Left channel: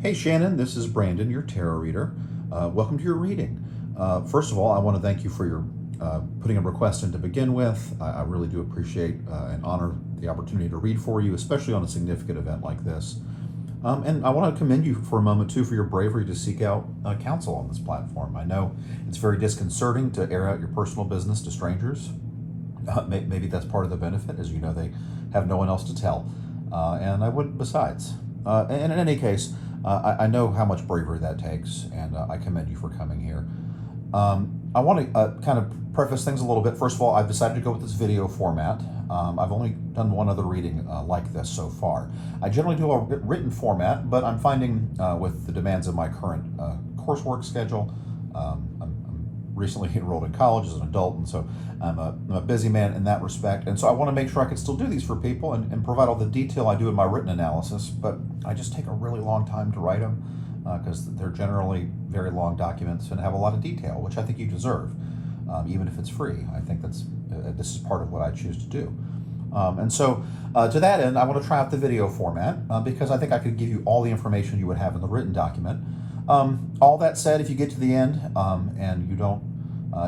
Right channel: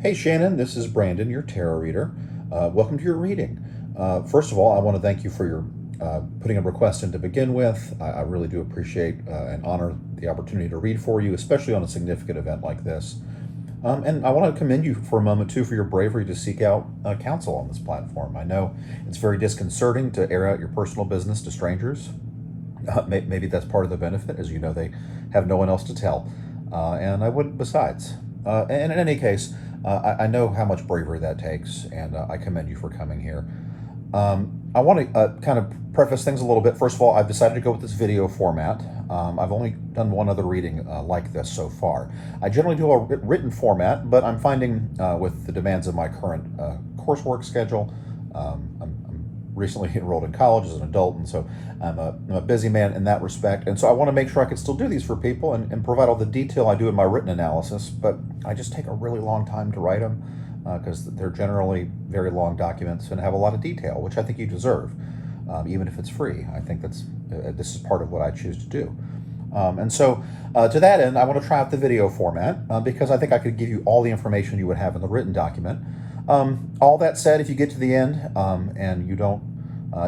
Hey Shannon, this is Brandon, your tarot reader. Welcome to your reading. First of all, I want to thank you for your putting a request in to begin with. I really do appreciate and honor the opportunity to read for you, especially on a significant event like this. And I want to commend you for a moment too for your bravery to seek out counsel on this platform. I know it's very disconcerting to air out your personal business to strangers. Maybe that's part of the benefit, as you know, they have no one else to tell. And I wouldn't besides. And in any case, I know how much bravery that takes, and I commend you for coming here. I want to kind of preface things a little bit. First of all, I've decided to go with this video format. I've only done one other reading like this so far. I generally do a written format, but I'm finding with the demands of my current coursework schedule, I'm recently enrolled in college as an adult, and so I'm a busy man in that respect. And so I want to make sure I can still do these for people and provide all the detail I do in my written analysis, but I just take a really long time to write them because they're generally very long documents and have a lot of detail, which I think you deserve, even if it's free. I think this is part of what I choose to do. And so to that end, I want to try out the video format because I think I could give you all the information you would have in the written document. All that said, if you get to the end and you don't,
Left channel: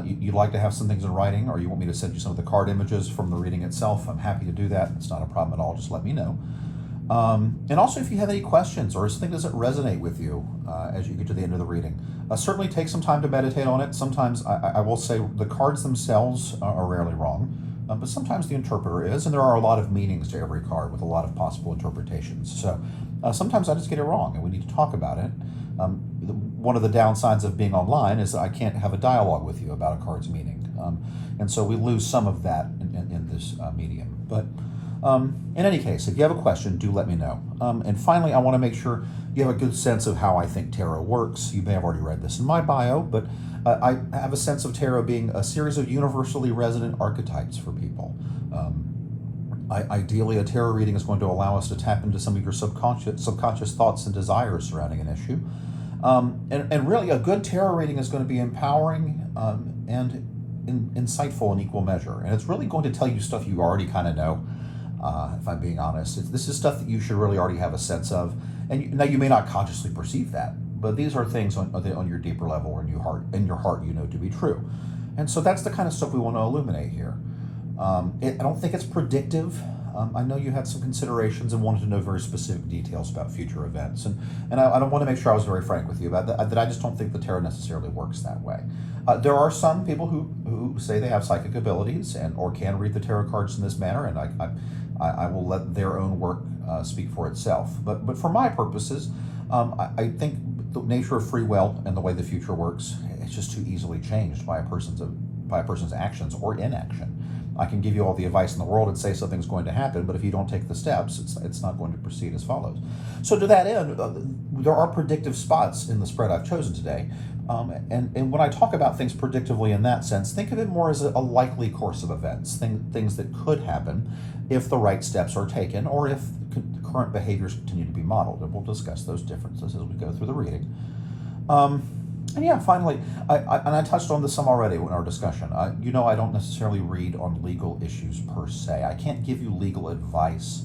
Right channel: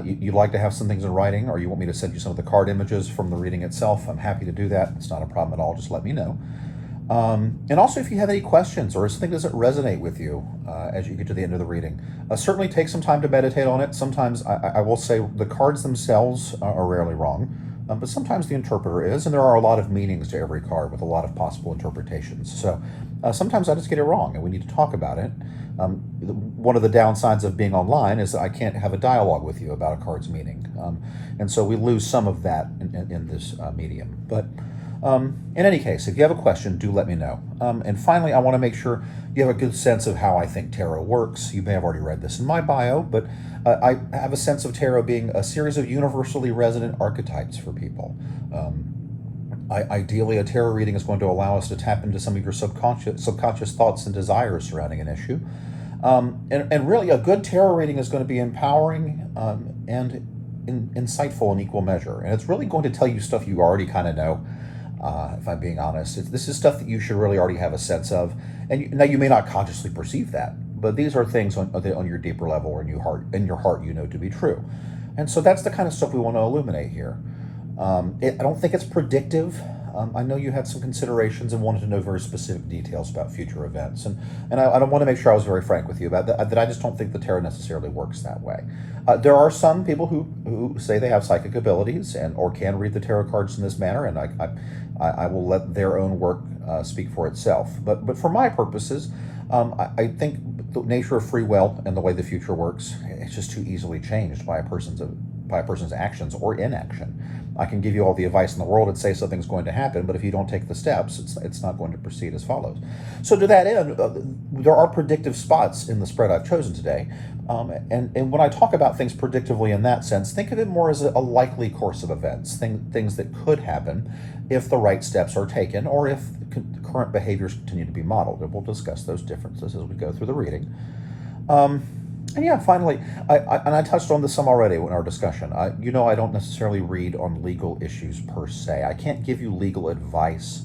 you'd like to have some things in writing, or you want me to send you some of the card images from the reading itself, I'm happy to do that. It's not a problem at all. Just let me know. And also, if you have any questions or something doesn't resonate with you as you get to the end of the reading, certainly take some time to meditate on it. Sometimes I will say the cards themselves are rarely wrong, but sometimes the interpreter is, and there are a lot of meanings to every card with a lot of possible interpretations. So sometimes I just get it wrong, and we need to talk about it. One of the downsides of being online is that I can't have a dialogue with you about a card's meaning, and so we lose some of that in this medium. But in any case, if you have a question, do let me know. And finally, I want to make sure you have a good sense of how I think tarot works. You may have already read this in my bio, but I have a sense of tarot being a series of universally resonant archetypes for people. Ideally, a tarot reading is going to allow us to tap into some of your subconscious thoughts and desires surrounding an issue. And really, a good tarot reading is going to be empowering and insightful in equal measure. And it's really going to tell you stuff you already kind of know. If I'm being honest, this is stuff that you should really already have a sense of. And now you may not consciously perceive that, but these are things on your deeper level or in your heart you know to be true. And so that's the kind of stuff we want to illuminate here. I don't think it's predictive. I know you had some considerations and wanted to know very specific details about future events. And I want to make sure I was very frank with you about that I just don't think the tarot necessarily works that way. There are some people who say they have psychic abilities or can read the tarot cards in this manner, and I will let their own work speak for itself. But for my purposes, I think the nature of free will and the way the future works, it's just too easily changed by a person's actions or inaction. I can give you all the advice in the world and say something's going to happen, but if you don't take the steps, it's not going to proceed as follows. So to that end, there are predictive spots in the spread I've chosen today. And when I talk about things predictively in that sense, think of it more as a likely course of events, things that could happen if the right steps are taken or if current behaviors continue to be modeled. And we'll discuss those differences as we go through the reading. And yeah, finally, I touched on this some already in our discussion. I don't necessarily read on legal issues per se. I can't give you legal advice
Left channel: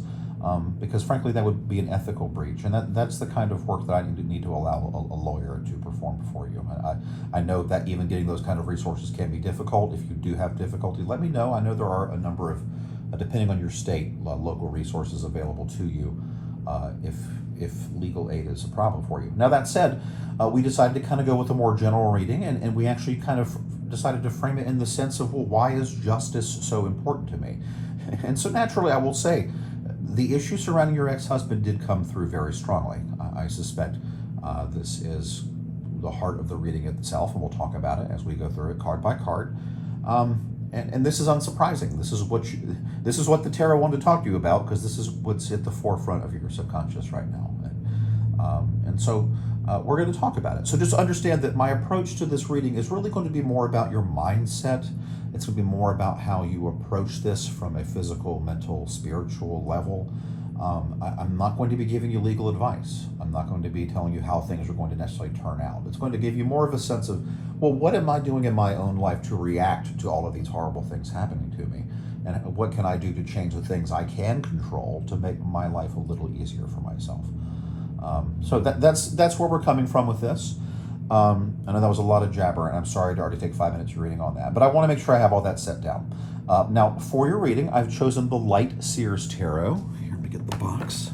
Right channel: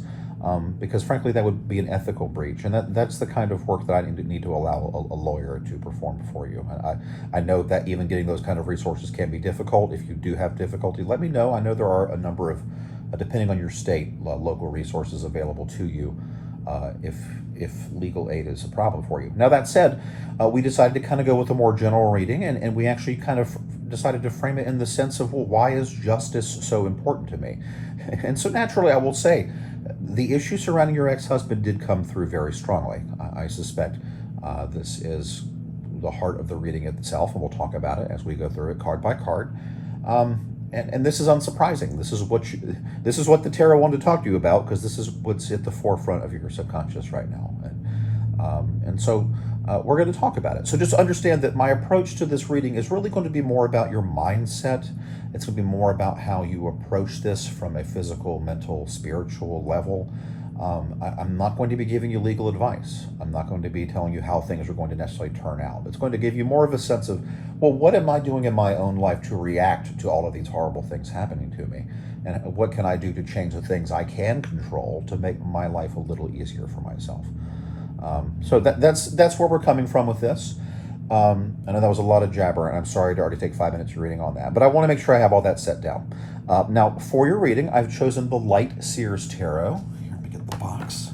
because frankly, that would be an ethical breach. And that's the kind of work that I need to allow a lawyer to perform for you. I know that even getting those kind of resources can be difficult. If you do have difficulty, let me know. I know there are a number of, depending on your state, local resources available to you if legal aid is a problem for you. Now that said, we decided to kind of go with a more general reading, and we actually kind of decided to frame it in the sense of, well, why is justice so important to me? And so naturally, I will say, the issue surrounding your ex-husband did come through very strongly. I suspect this is the heart of the reading itself, and we'll talk about it as we go through it card by card. And this is unsurprising. This is what the tarot wanted to talk to you about, because this is what's at the forefront of your subconscious right now. And so we're going to talk about it. So just understand that my approach to this reading is really going to be more about your mindset. It's going to be more about how you approach this from a physical, mental, spiritual level. I'm not going to be giving you legal advice. I'm not going to be telling you how things are going to necessarily turn out. It's going to give you more of a sense of, well, what am I doing in my own life to react to all of these horrible things happening to me? And what can I do to change the things I can control to make my life a little easier for myself? So that's where we're coming from with this. I know that was a lot of jabber, and I'm sorry to already take 5 minutes of reading on that, but I want to make sure I have all that set down. Now, for your reading, I've chosen the Light Seers Tarot. Here, let me get the box.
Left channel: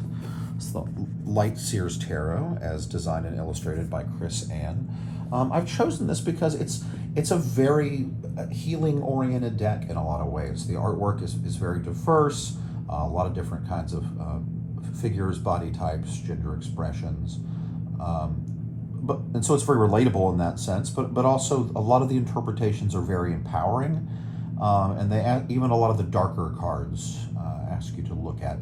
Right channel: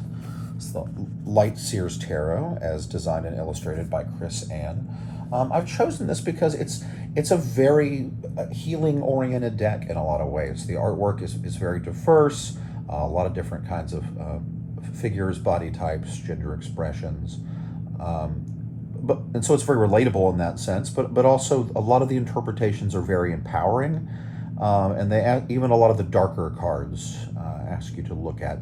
It's the Light Seers Tarot, as designed and illustrated by Chris Ann. I've chosen this because it's a very healing-oriented deck in a lot of ways. The artwork is very diverse, a lot of different kinds of figures, body types, gender expressions. And so it's very relatable in that sense, but also a lot of the interpretations are very empowering, and even a lot of the darker cards ask you to look at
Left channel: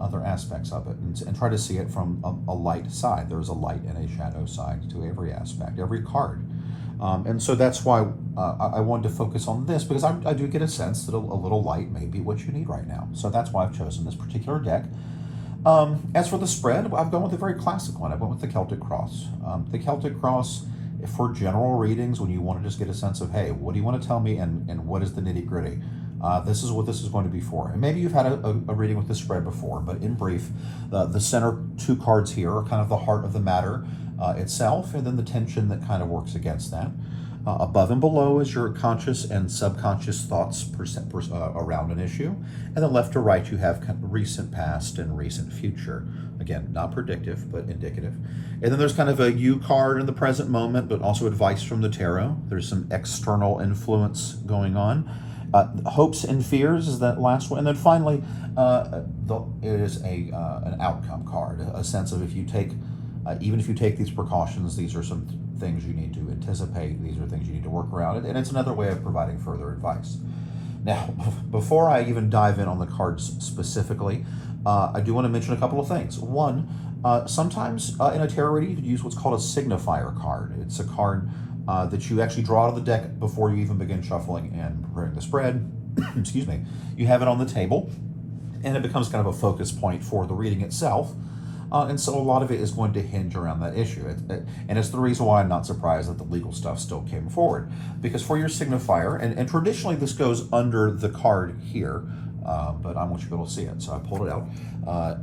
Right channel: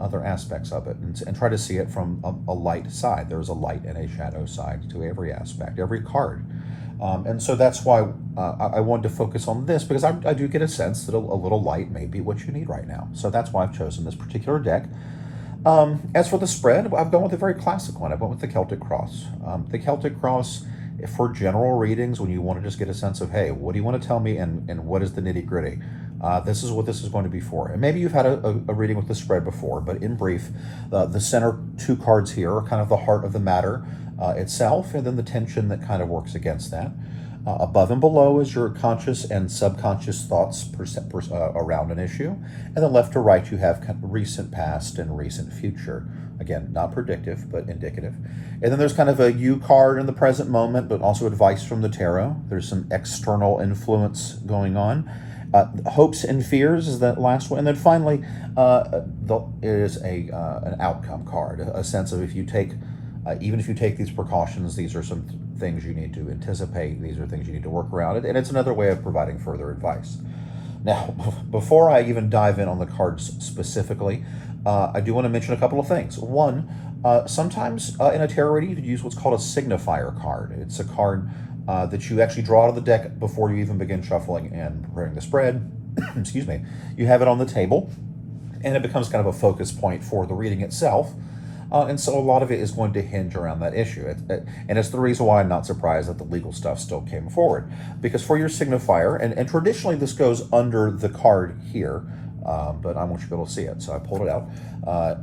other aspects of it and try to see it from a light side. There's a light and a shadow side to every aspect, every card. And so that's why I wanted to focus on this, because I do get a sense that a little light may be what you need right now. So that's why I've chosen this particular deck. As for the spread, I've gone with a very classic one. I went with the Celtic Cross. The Celtic Cross, for general readings, when you want to just get a sense of, hey, what do you want to tell me, and what is the nitty gritty? This is what this is going to be for. And maybe you've had a reading with the spread before, but in brief, the center two cards here are kind of the heart of the matter itself, and then the tension that kind of works against that. Above and below is your conscious and subconscious thoughts around an issue. And then left to right, you have recent past and recent future. Again, not predictive, but indicative. And then there's kind of a you card in the present moment, but also advice from the tarot. There's some external influence going on. Hopes and fears is that last one. And then finally, it is an outcome card, a sense of if you take, even if you take these precautions, these are some things you need to anticipate, these are things you need to work around, and it's another way of providing further advice. Now, before I even dive in on the cards specifically, I do want to mention a couple of things. One, sometimes in a tarot reading, you could use what's called a signifier card. It's a card that you actually draw out of the deck before you even begin shuffling and preparing the spread. Excuse me. You have it on the table, and it becomes kind of a focus point for the reading itself. And so a lot of it is going to hinge around that issue. And it's the reason why I'm not surprised that the legal stuff still came forward. Because for your signifier, and traditionally this goes under the card here, but I want you to be able to see it, so I pulled it out.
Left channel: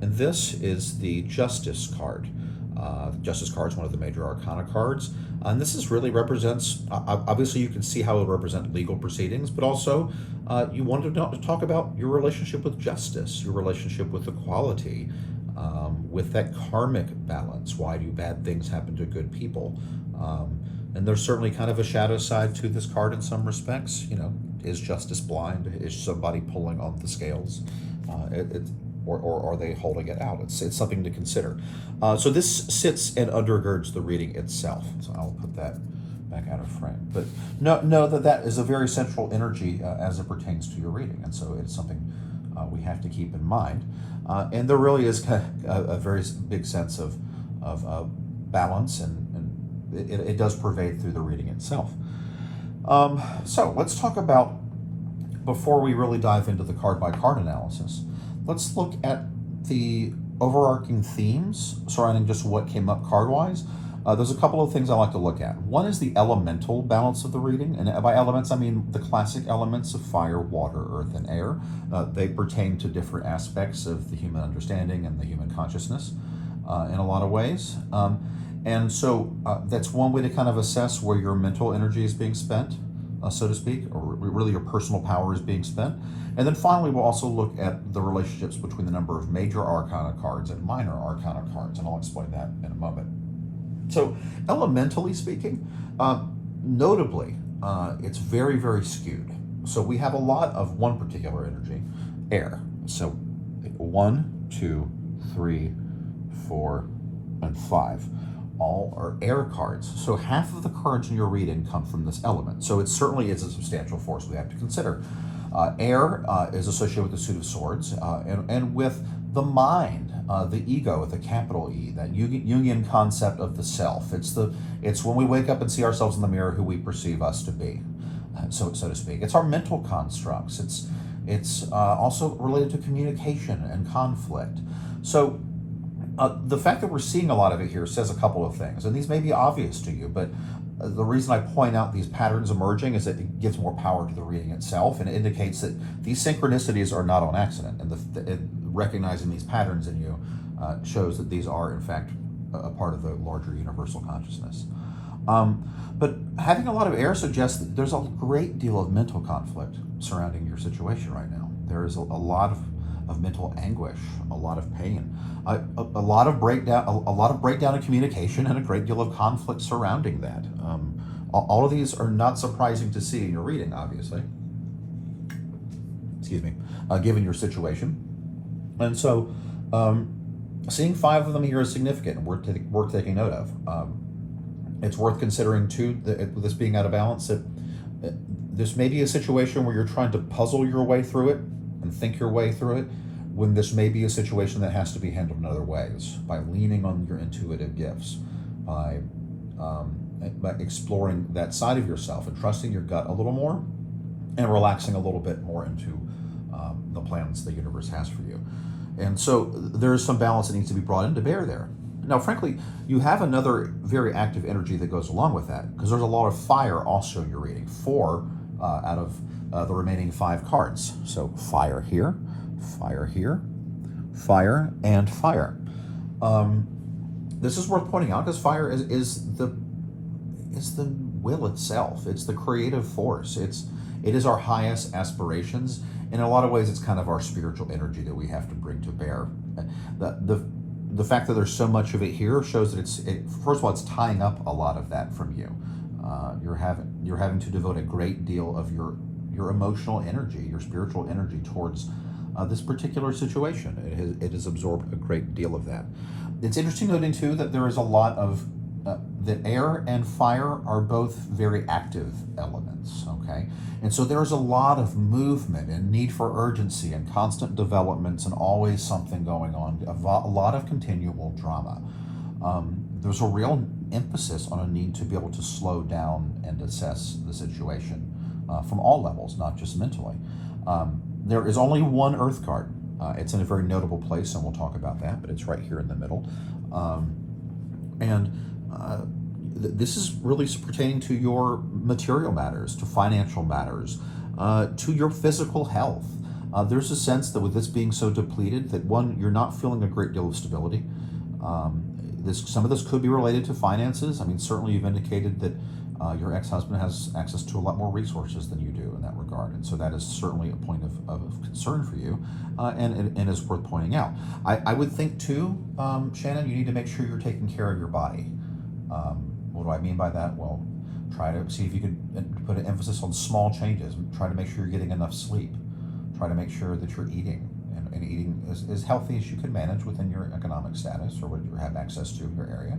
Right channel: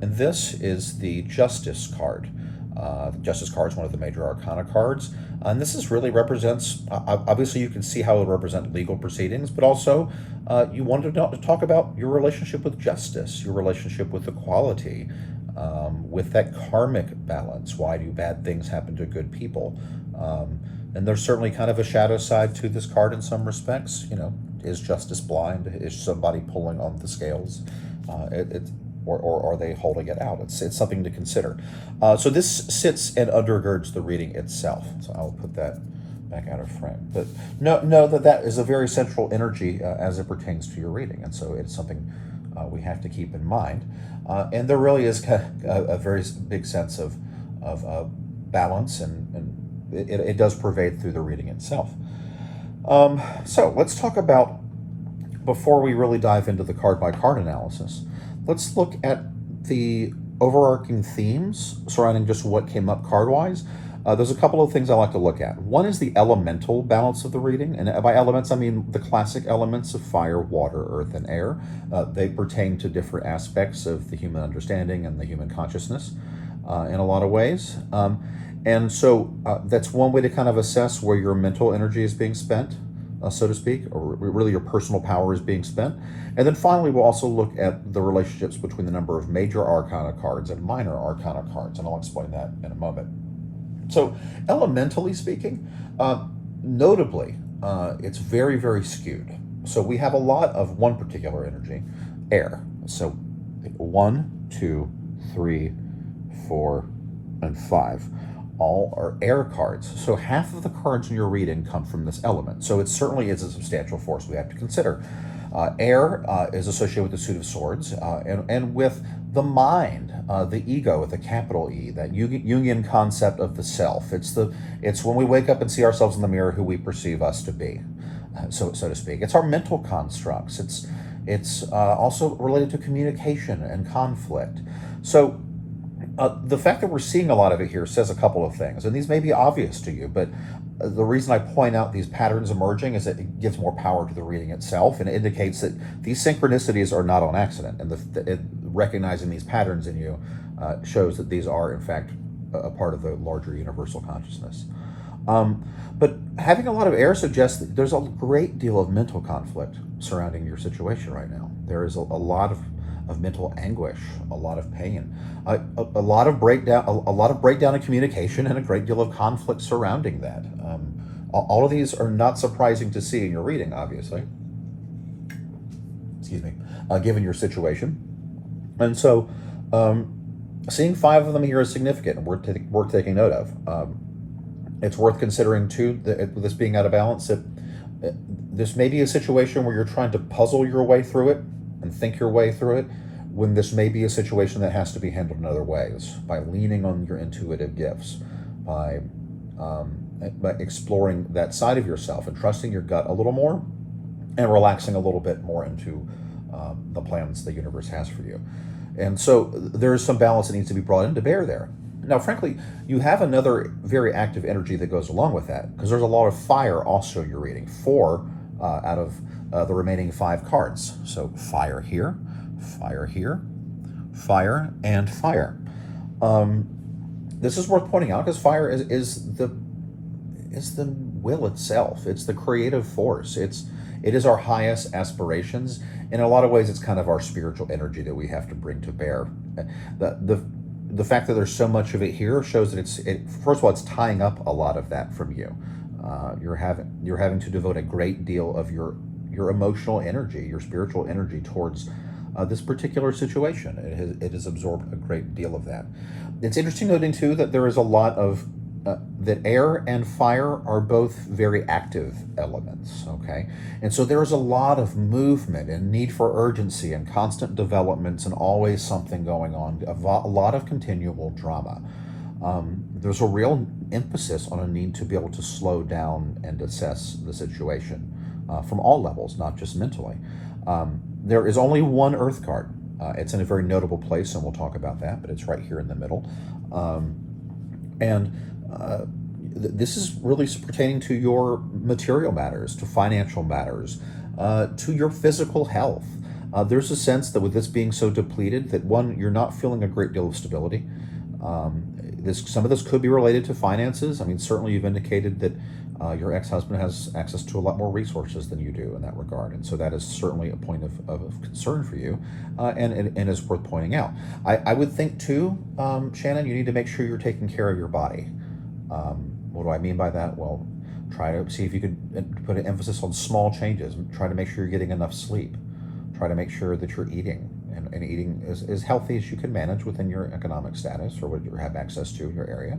And this is the Justice card. The Justice card is one of the major arcana cards. And this really represents, obviously you can see how it would represent legal proceedings, but also you wanted to talk about your relationship with justice, your relationship with equality, with that karmic balance. Why do bad things happen to good people? And there's certainly kind of a shadow side to this card in some respects. You know, is justice blind? Is somebody pulling on the scales? Or are they holding it out? It's something to consider. So this sits and undergirds the reading itself. So I'll put that back out of frame. But know that is a very central energy as it pertains to your reading. And so it's something we have to keep in mind. And there really is a very big sense of balance, and it does pervade through the reading itself. So let's talk about, before we really dive into the card-by-card analysis, let's look at the overarching themes surrounding just what came up card-wise. There's a couple of things I like to look at. One is the elemental balance of the reading, and by elements I mean the classic elements of fire, water, earth, and air. They pertain to different aspects of the human understanding and the human consciousness in a lot of ways. And so that's one way to kind of assess where your mental energy is being spent, so to speak, or really your personal power is being spent. And then finally, we'll also look at the relationships between the number of major arcana cards and minor arcana cards, and I'll explain that in a moment. So, elementally speaking, notably, it's very, very skewed. So we have a lot of one particular energy, air. So 1, 2, 3, 4, and 5. All are air cards. So half of the cards in your reading come from this element. So it certainly is a substantial force we have to consider. Air is associated with the Suit of Swords and with the mind, the ego with a capital E, that Jungian concept of the self. It's when we wake up and see ourselves in the mirror who we perceive us to be, so to speak. It's our mental constructs. It's also related to communication and conflict. So the fact that we're seeing a lot of it here says a couple of things, and these may be obvious to you, but the reason I point out these patterns emerging is that it gives more power to the reading itself, and it indicates that these synchronicities are not on accident, and recognizing these patterns in you shows that these are, in fact, a part of the larger universal consciousness. But having a lot of air suggests that there's a great deal of mental conflict surrounding your situation right now. There is a lot of mental anguish, a lot of pain, a lot of breakdown, a lot of breakdown in communication, and a great deal of conflict surrounding that. All of these are not surprising to see in your reading, obviously. Excuse me, given your situation. And so, seeing 5 of them here is significant and worth taking note of. It's worth considering, too, that this being out of balance, that this may be a situation where you're trying to puzzle your way through it and think your way through it, when this may be a situation that has to be handled in other ways, by leaning on your intuitive gifts, by exploring that side of yourself and trusting your gut a little more and relaxing a little bit more into the plans the universe has for you. And so there's some balance that needs to be brought into bear there. Now, frankly, you have another very active energy that goes along with that, because there's a lot of fire also in your reading. 4 out of the remaining 5 cards. So fire here, fire, and fire. This is worth pointing out because fire is the will itself. It's the creative force. It is our highest aspirations. In a lot of ways, it's kind of our spiritual energy that we have to bring to bear. The fact that there's so much of it here shows that first of all, it's tying up a lot of that from you. You're having to devote a great deal of your emotional energy, your spiritual energy towards this particular situation. It has absorbed a great deal of that. It's interesting noting too that there is a lot of that air and fire are both very active elements, okay? And so there is a lot of movement and need for urgency and constant developments and always something going on, a lot of continual drama. There's a real emphasis on a need to be able to slow down and assess the situation from all levels, not just mentally. There is only one Earth card. It's in a very notable place, and we'll talk about that, but it's right here in the middle. This is really pertaining to your material matters, to financial matters, to your physical health. There's a sense that with this being so depleted, that one, you're not feeling a great deal of stability. Some of this could be related to finances. I mean, certainly you've indicated that your ex-husband has access to a lot more resources than you do in that regard, and so that is certainly a point of concern for you, and is worth pointing out. I would think too, Shannon, you need to make sure you're taking care of your body. What do I mean by that? Well, try to see if you could put an emphasis on small changes. Try to make sure you're getting enough sleep. Try to make sure that you're eating, and eating as healthy as you can manage within your economic status or what you have access to in your area.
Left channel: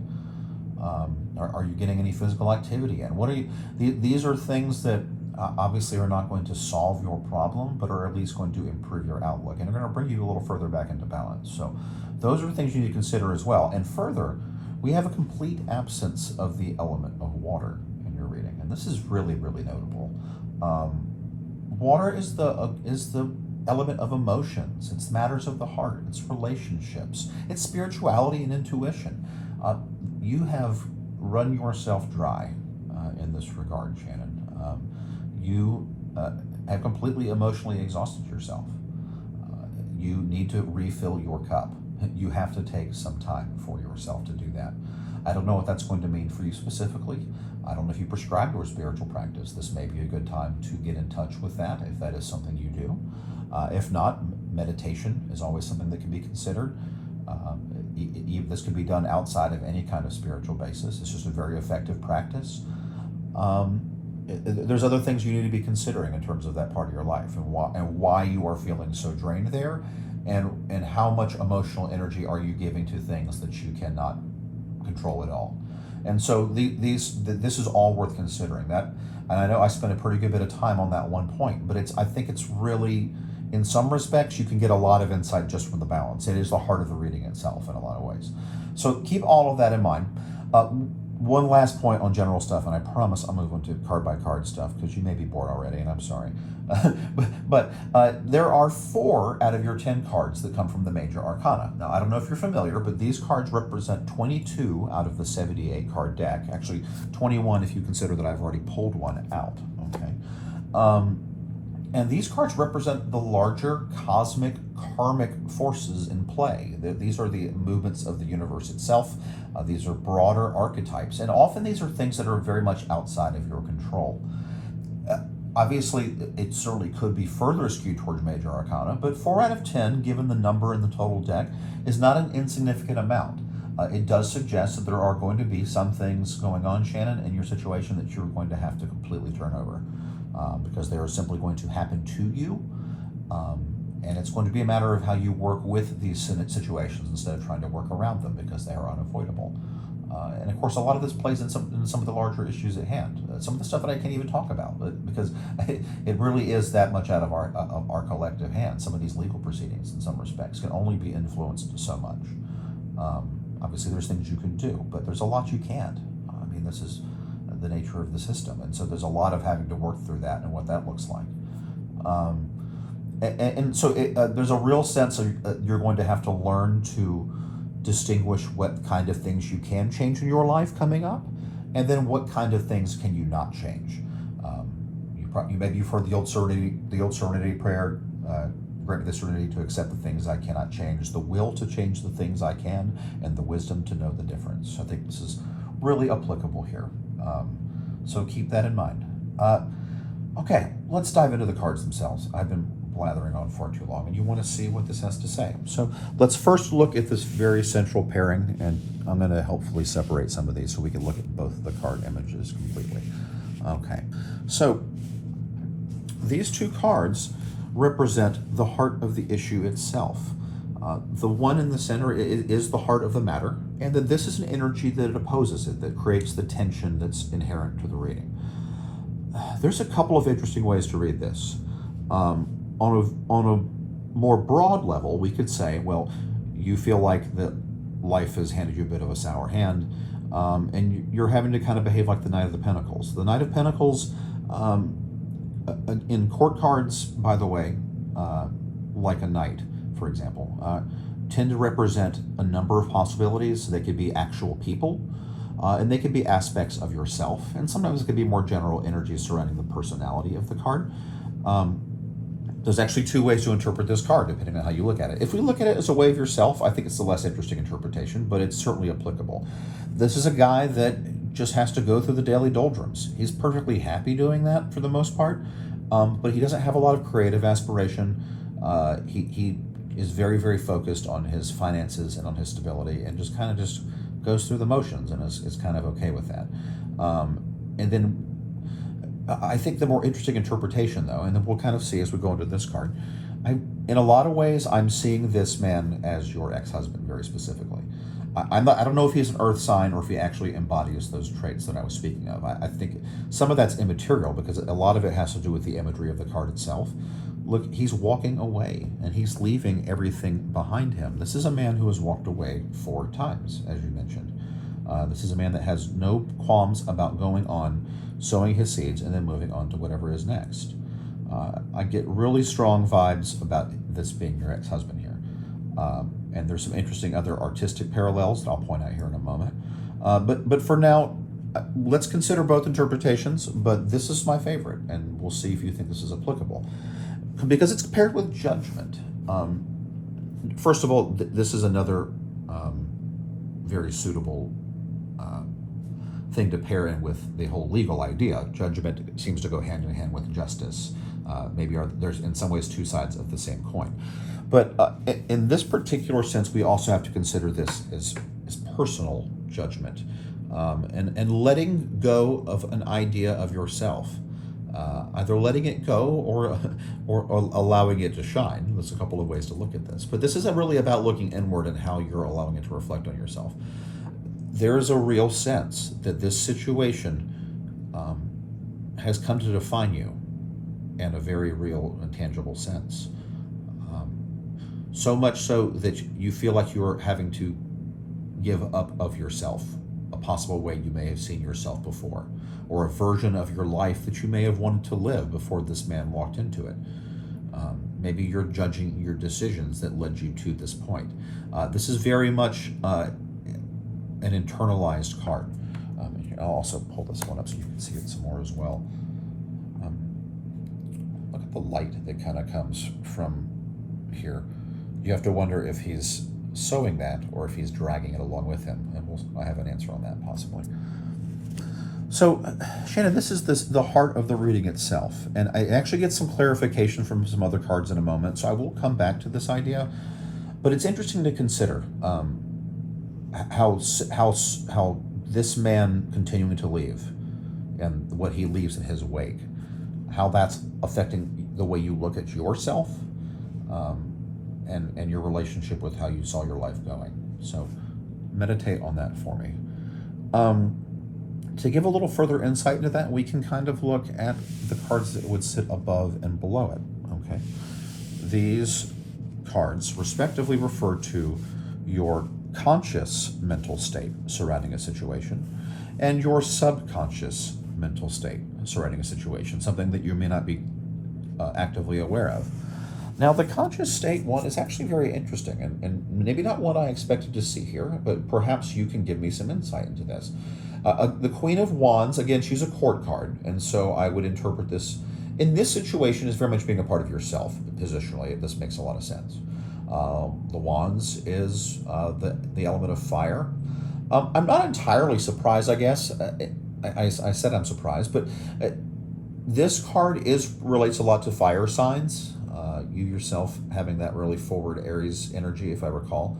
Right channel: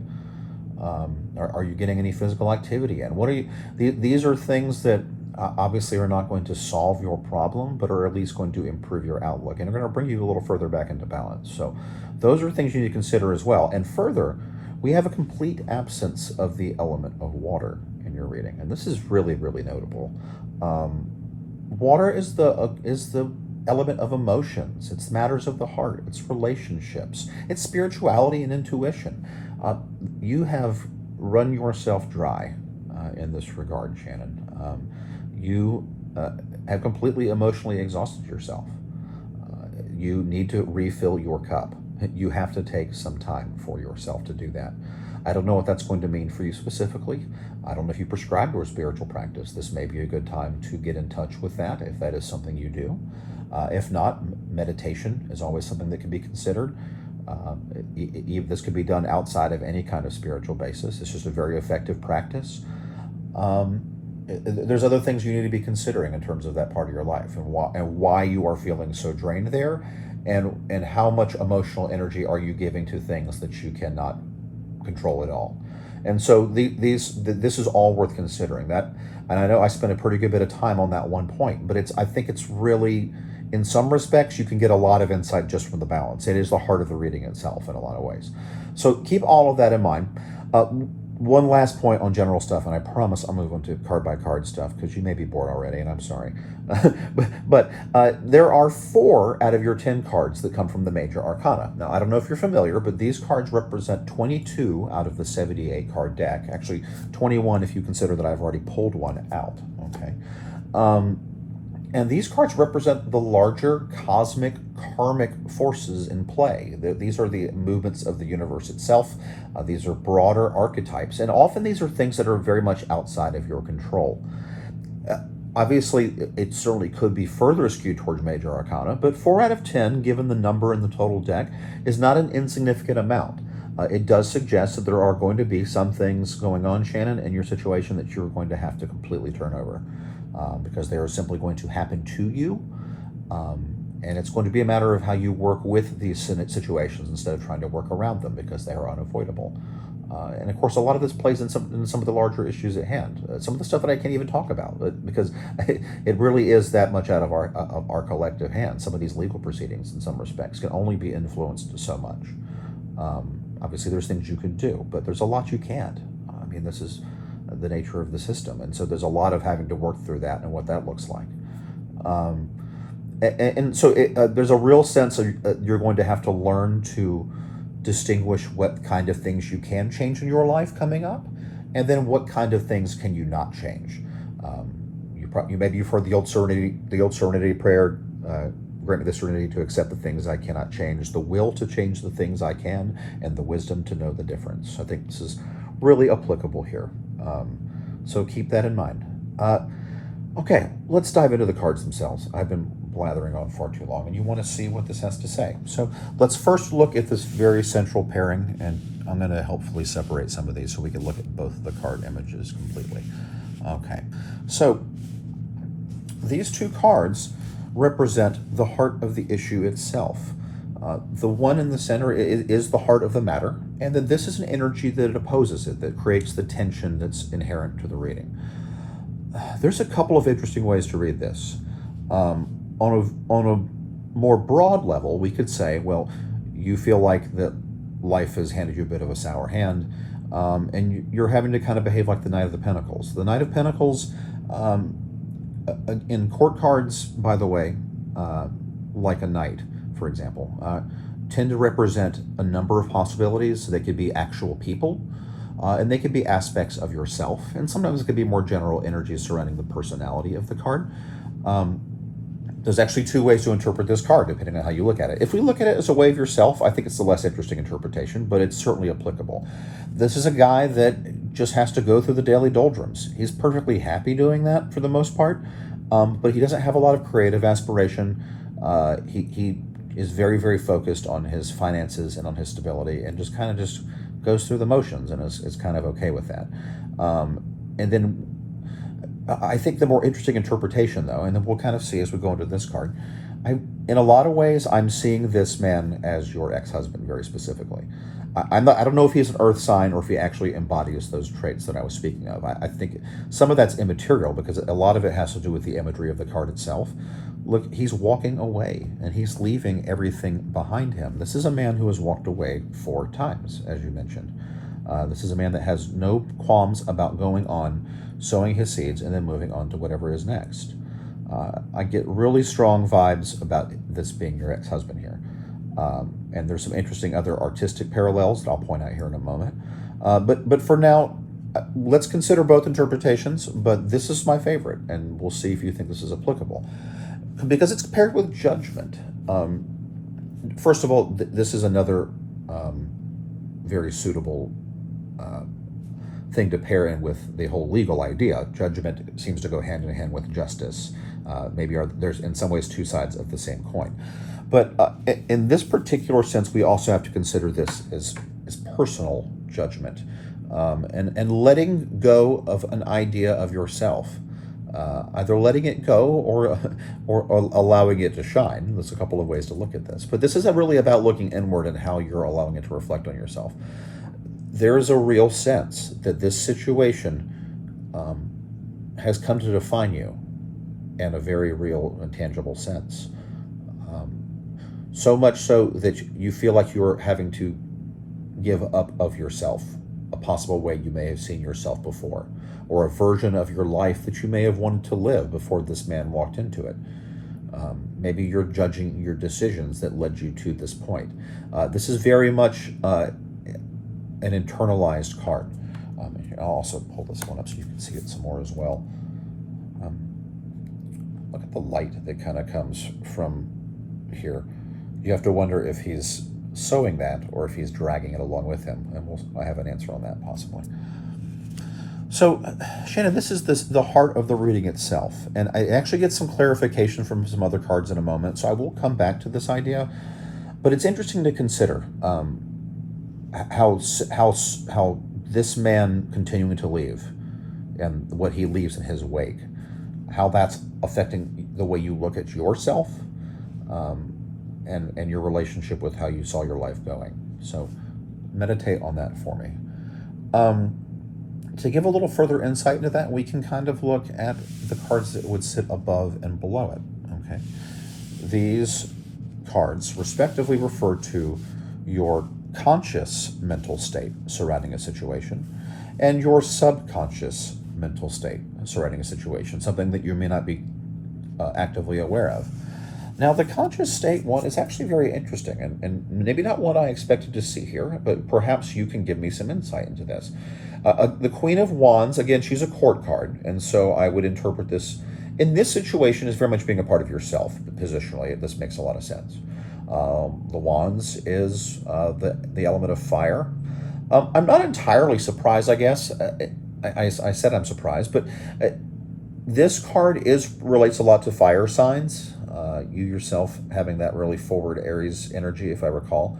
Are you getting any physical activity in? These are things that obviously are not going to solve your problem, but are at least going to improve your outlook and are going to bring you a little further back into balance. So those are things you need to consider as well. And further, we have a complete absence of the element of water in your reading, and this is really, really notable. Water is the element of emotions. It's matters of the heart. It's relationships. It's spirituality and intuition. You have run yourself dry in this regard, Shannon. You have completely emotionally exhausted yourself. You need to refill your cup. You have to take some time for yourself to do that. I don't know what that's going to mean for you specifically. I don't know if you prescribe to a spiritual practice. This may be a good time to get in touch with that if that is something you do. If not, meditation is always something that can be considered. This could be done outside of any kind of spiritual basis. It's just a very effective practice. There's other things you need to be considering in terms of that part of your life and why you are feeling so drained there, and how much emotional energy are you giving to things that you cannot control at all. And so this is all worth considering. That, and I know I spent a pretty good bit of time on that one point, but I think it's really, in some respects, you can get a lot of insight just from the balance. It is the heart of the reading itself in a lot of ways. So keep all of that in mind. One last point on general stuff, and I promise I'll move on to card by card stuff because you may be bored already, and I'm sorry. but there are 4 out of your 10 cards that come from the major arcana. Now, I don't know if you're familiar, but these cards represent 22 out of the 78 card deck. Actually, 21 if you consider that I've already pulled one out. Okay. And these cards represent the larger cosmic karmic forces in play. These are the movements of the universe itself. These are broader archetypes. And often these are things that are very much outside of your control. Obviously, it certainly could be further skewed towards major arcana, but 4 out of 10, given the number in the total deck, is not an insignificant amount. It does suggest that there are going to be some things going on, Shannon, in your situation that you're going to have to completely turn over. Because they are simply going to happen to you, and it's going to be a matter of how you work with these situations instead of trying to work around them, because they are unavoidable. And of course, a lot of this plays in some of the larger issues at hand. Some of the stuff that I can't even talk about, because it really is that much out of our collective hands. Some of these legal proceedings, in some respects, can only be influenced so much. Obviously, there's things you can do, but there's a lot you can't. I mean, this is the nature of the system, and so there's a lot of having to work through that and what that looks like. So there's a real sense of you're going to have to learn to distinguish what kind of things you can change in your life coming up, and then what kind of things can you not change. Maybe you've heard the old serenity prayer. Grant me the serenity to accept the things I cannot change, the will to change the things I can, and the wisdom to know the difference. I think this is really applicable here. So keep that in mind. Okay, let's dive into the cards themselves. I've been blathering on far too long, and you want to see what this has to say. So let's first look at this very central pairing, and I'm going to hopefully separate some of these so we can look at both of the card images completely. Okay, so these two cards represent the heart of the issue itself. The one in the center is the heart of the matter, and then this is an energy that opposes it, that creates the tension that's inherent to the reading. There's a couple of interesting ways to read this. On a more broad level, we could say, well, you feel like that life has handed you a bit of a sour hand, and you're having to kind of behave like the Knight of the Pentacles. The Knight of Pentacles, in court cards, by the way, like a knight, for example, tend to represent a number of possibilities. They could be actual people, and they could be aspects of yourself, and sometimes it could be more general energies surrounding the personality of the card. There's actually two ways to interpret this card, depending on how you look at it. If we look at it as a way of yourself, I think it's the less interesting interpretation, but it's certainly applicable. This is a guy that just has to go through the daily doldrums. He's perfectly happy doing that for the most part, but he doesn't have a lot of creative aspiration. He is very, very focused on his finances and on his stability, and just goes through the motions and is kind of okay with that. And then I think the more interesting interpretation, though, and then we'll kind of see as we go into this card, in a lot of ways, I'm seeing this man as your ex-husband very specifically. I don't know if he's an earth sign or if he actually embodies those traits that I was speaking of. I think some of that's immaterial because a lot of it has to do with the imagery of the card itself. Look, he's walking away and he's leaving everything behind him. This is a man who has walked away 4 times, as you mentioned. This is a man that has no qualms about going on, sowing his seeds, and then moving on to whatever is next. I get really strong vibes about this being your ex-husband here. And there's some interesting other artistic parallels that I'll point out here in a moment. But for now, let's consider both interpretations, but this is my favorite, and we'll see if you think this is applicable. Because it's paired with judgment. First of all, this is another very suitable thing to pair in with the whole legal idea. Judgment seems to go hand in hand with justice. Maybe there's in some ways 2 sides of the same coin. But in this particular sense, we also have to consider this as personal judgment, and letting go of an idea of yourself. Either letting it go or allowing it to shine. There's a couple of ways to look at this. But this isn't really about looking inward and how you're allowing it to reflect on yourself. There is a real sense that this situation has come to define you in a very real and tangible sense. So much so that you feel like you're having to give up of yourself, a possible way you may have seen yourself before, or a version of your life that you may have wanted to live before this man walked into it. Maybe you're judging your decisions that led you to this point. This is very much an internalized card. I'll also pull this one up so you can see it some more as well. Look, the light that kind of comes from here. You have to wonder if he's sewing that or if he's dragging it along with him. And I have an answer on that possibly. So, Shannen, this is the heart of the reading itself. And I actually get some clarification from some other cards in a moment, so I will come back to this idea. But it's interesting to consider how this man continuing to leave and what he leaves in his wake, how that's affecting the way you look at yourself and your relationship with how you saw your life going. So meditate on that for me. To give a little further insight into that, we can kind of look at the cards that would sit above and below it. Okay, these cards respectively refer to your conscious mental state surrounding a situation and your subconscious mental state surrounding a situation, something that you may not be actively aware of. Now, the conscious state one is actually very interesting and maybe not what I expected to see here, but perhaps you can give me some insight into this. The Queen of Wands, again, she's a court card, and so I would interpret this in this situation as very much being a part of yourself. Positionally, this makes a lot of sense. The Wands is the element of fire. I'm not entirely surprised, I guess. I said I'm surprised, but this card relates a lot to fire signs. You yourself having that really forward Aries energy, if I recall.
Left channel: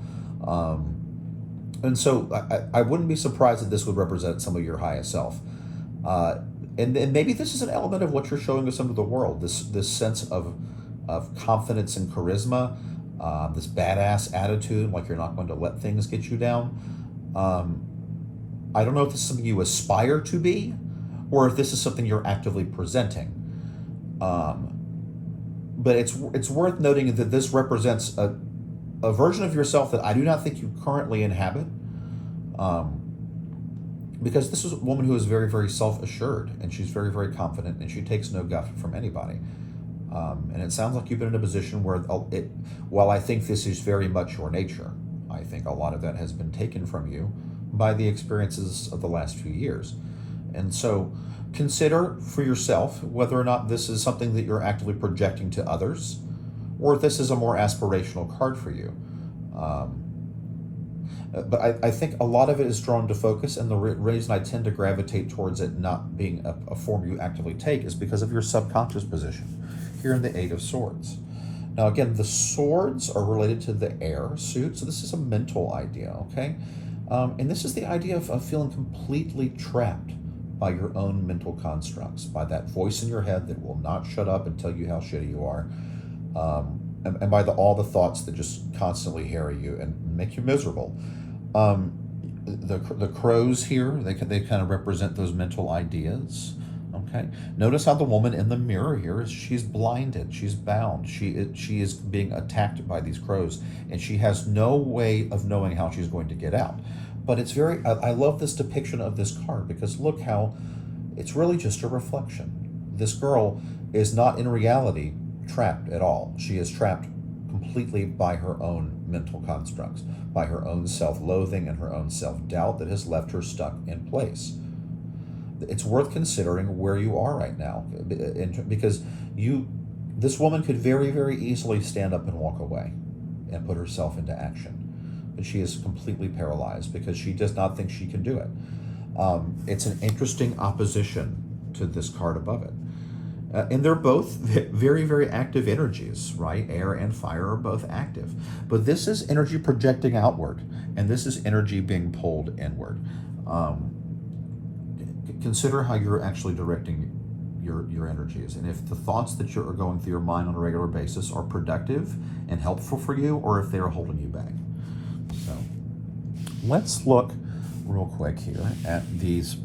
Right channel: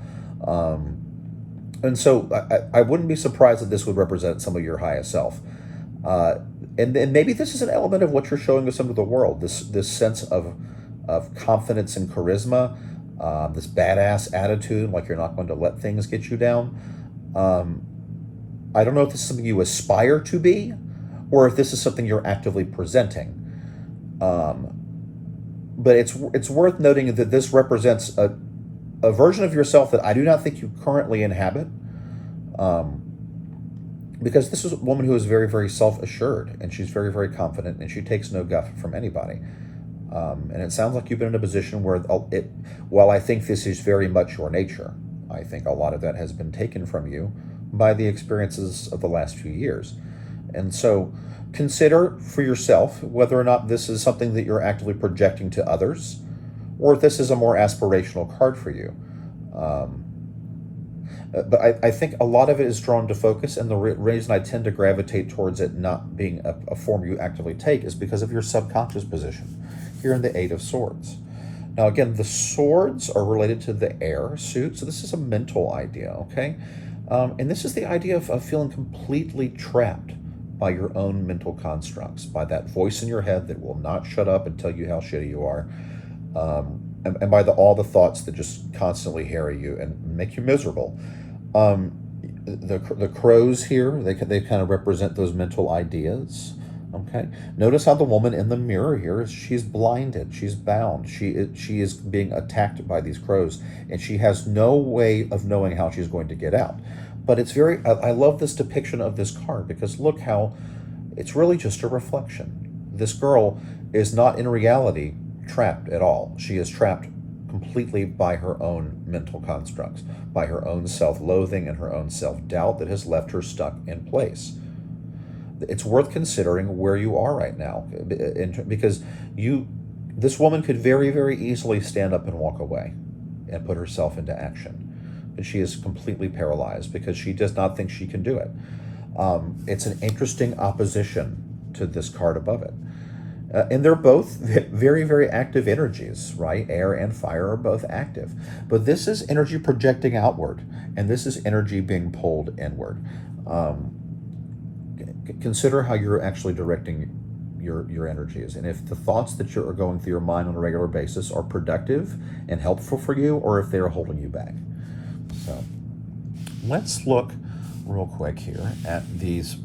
And so I wouldn't be surprised that this would represent some of your highest self. And maybe this is an element of what you're showing us into the world, this sense of confidence and charisma, this badass attitude, like you're not going to let things get you down. I don't know if this is something you aspire to be, or if this is something you're actively presenting. But it's worth noting that this represents a version of yourself that I do not think you currently inhabit, because this is a woman who is very, very self-assured, and she's very, very confident, and she takes no guff from anybody. And it sounds like you've been in a position where while I think this is very much your nature, I think a lot of that has been taken from you by the experiences of the last few years. And so consider for yourself whether or not this is something that you're actively projecting to others, or if this is a more aspirational card for you. But I think a lot of it is drawn to focus, and the reason I tend to gravitate towards it not being a form you actively take is because of your subconscious position here in the Eight of Swords. Now, again, the swords are related to the air suit, so this is a mental idea, okay? And this is the idea of feeling completely trapped by your own mental constructs, by that voice in your head that will not shut up and tell you how shitty you are, and by all the thoughts that just constantly harry you and make you miserable. The crows here, they kind of represent those mental ideas. Okay. Notice how the woman in the mirror here she's blinded, she's bound, she is being attacked by these crows, and she has no way of knowing how she's going to get out. But it's I love this depiction of this card, because look how it's really just a reflection. This girl is not in reality trapped at all. She is trapped completely by her own mental constructs, by her own self-loathing and her own self-doubt that has left her stuck in place. It's worth considering where you are right now, because this woman could very, very easily stand up and walk away and put herself into action. But she is completely paralyzed because she does not think she can do it. It's an interesting opposition to this card above it. And they're both very, very active energies, right? Air and fire are both active. But this is energy projecting outward, and this is energy being pulled inward. Consider how you're actually directing your energies, and if the thoughts that are going through your mind on a regular basis are productive and helpful for you, or if they're holding you back. So let's look real quick here at these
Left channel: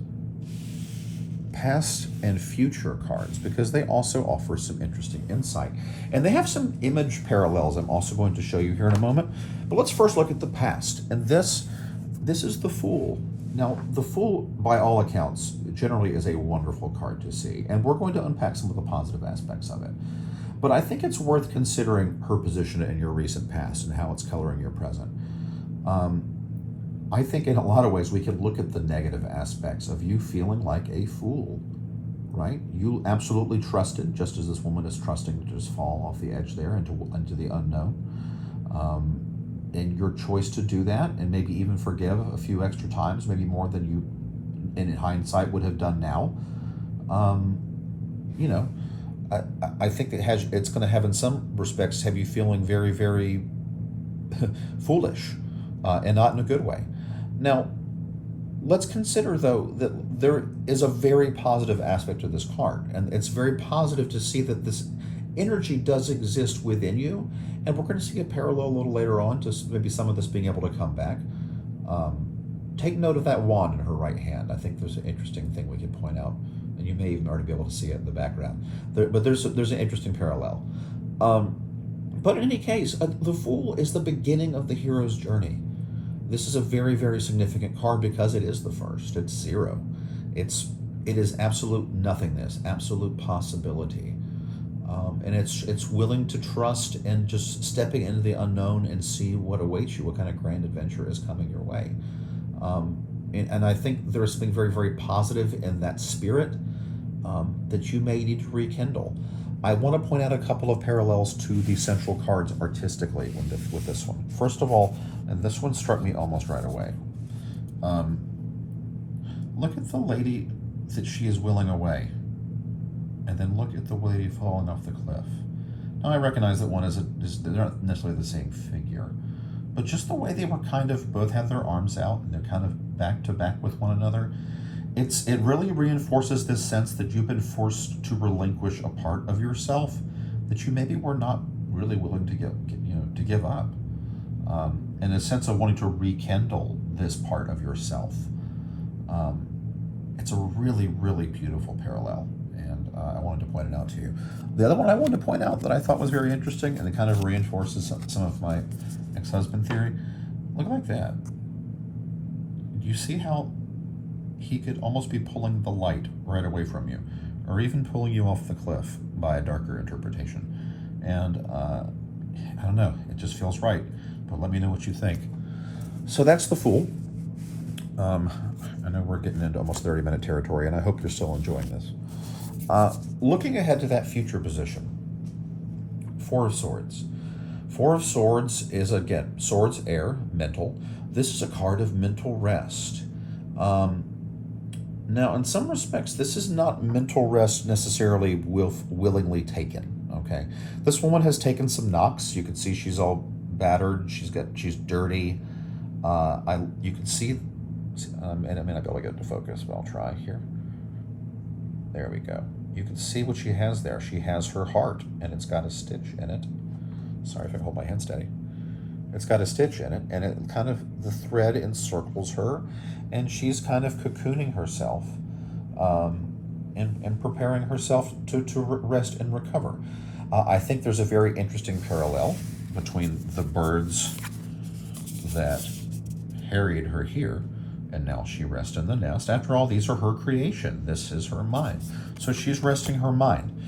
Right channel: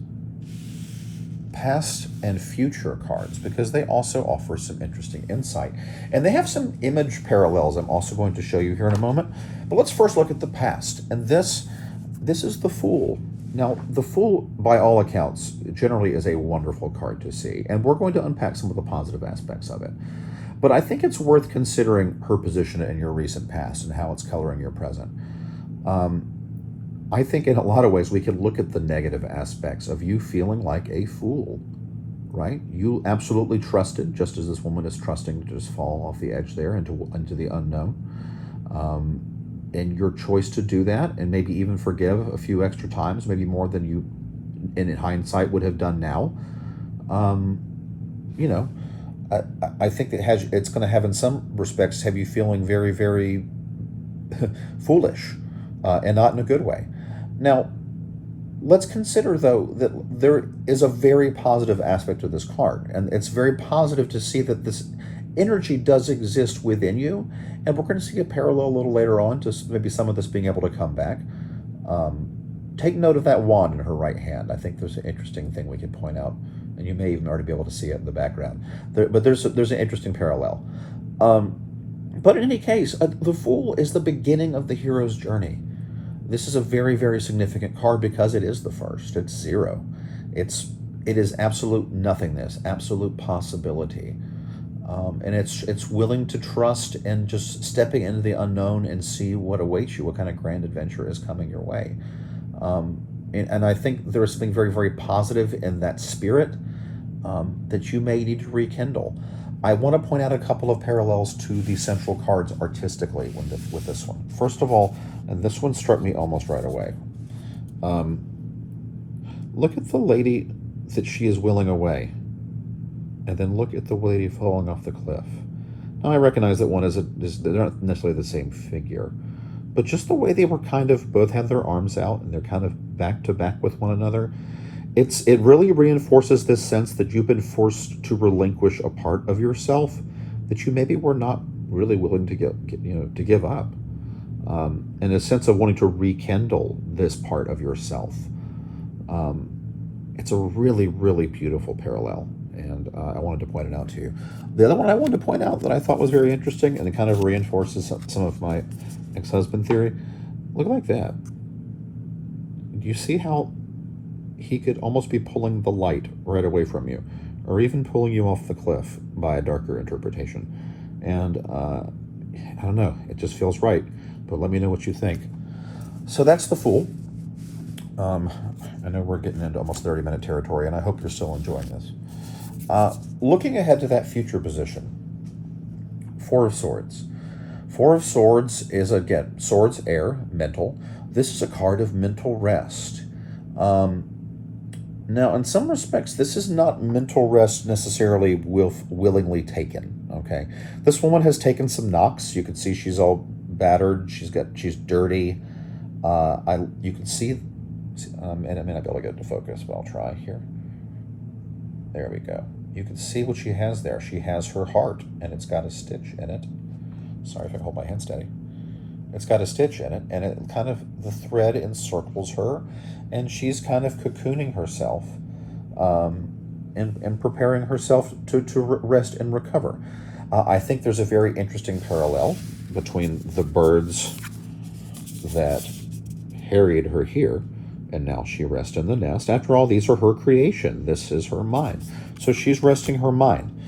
past and future cards, because they also offer some interesting insight, and they have some image parallels I'm also going to show you here in a moment. But let's first look at the past, and this is the Fool. Now, the Fool, by all accounts, generally is a wonderful card to see, and we're going to unpack some of the positive aspects of it. But I think it's worth considering her position in your recent past and how it's coloring your present. I think in a lot of ways we can look at the negative aspects of you feeling like a fool right? You absolutely trusted, just as this woman is trusting to just fall off the edge there into the unknown. And your choice to do that, and maybe even forgive a few extra times, maybe more than you, in hindsight, would have done now. You know, I think it's going to have, in some respects, have you feeling very, very foolish, and not in a good way. Now, let's consider, though, that there is a very positive aspect to this card, and it's very positive to see that this energy does exist within you, and we're going to see a parallel a little later on to maybe some of this being able to come back. Take note of that wand in her right hand. I think there's an interesting thing we can point out, and you may even already be able to see it in the background. But there's an interesting parallel. But in any case, the Fool is the beginning of the hero's journey. This is a very, very significant card because it is the first. It's 0. It is absolute nothingness, absolute possibility. And it's willing to trust and just stepping into the unknown and see what awaits you, what kind of grand adventure is coming your way. And I think there's something very, very positive in that spirit that you may need to rekindle. I want to point out a couple of parallels to the central cards artistically with this one. First of all, and this one struck me almost right away. Look at the lady that she is willing away, and then look at the lady falling off the cliff. Now, I recognize that they're not necessarily the same figure, but just the way they were kind of both had their arms out and they're kind of back to back with one another. It really reinforces this sense that you've been forced to relinquish a part of yourself that you maybe were not really willing to give up, and a sense of wanting to rekindle this part of yourself. It's a really, really beautiful parallel, and I wanted to point it out to you. The other one I wanted to point out that I thought was very interesting, and it kind of reinforces some of my ex-husband theory. Look like that. Do you see how he could almost be pulling the light right away from you, or even pulling you off the cliff by a darker interpretation? And I don't know, it just feels right, but let me know what you think. So that's the Fool. I know we're getting into almost 30-minute territory, and I hope you're still enjoying this. Looking ahead to that future position, 4 of Swords. 4 of Swords is, again, swords, air, mental. This is a card of mental rest. Now, in some respects, this is not mental rest necessarily willingly taken, okay? This woman has taken some knocks. You can see she's all battered. She's dirty. You can see, and I may not be able to get it to focus, but I'll try here. There we go. You can see what she has there. She has her heart, and it's got a stitch in it. Sorry if I can hold my hand steady. It's got a stitch in it, and it kind of, the thread encircles her, and she's kind of cocooning herself, and preparing herself to rest and recover. I think there's a very interesting parallel between the birds that harried her here, and now she rests in the nest. After all, these are her creation. This is her mind. So she's resting her mind.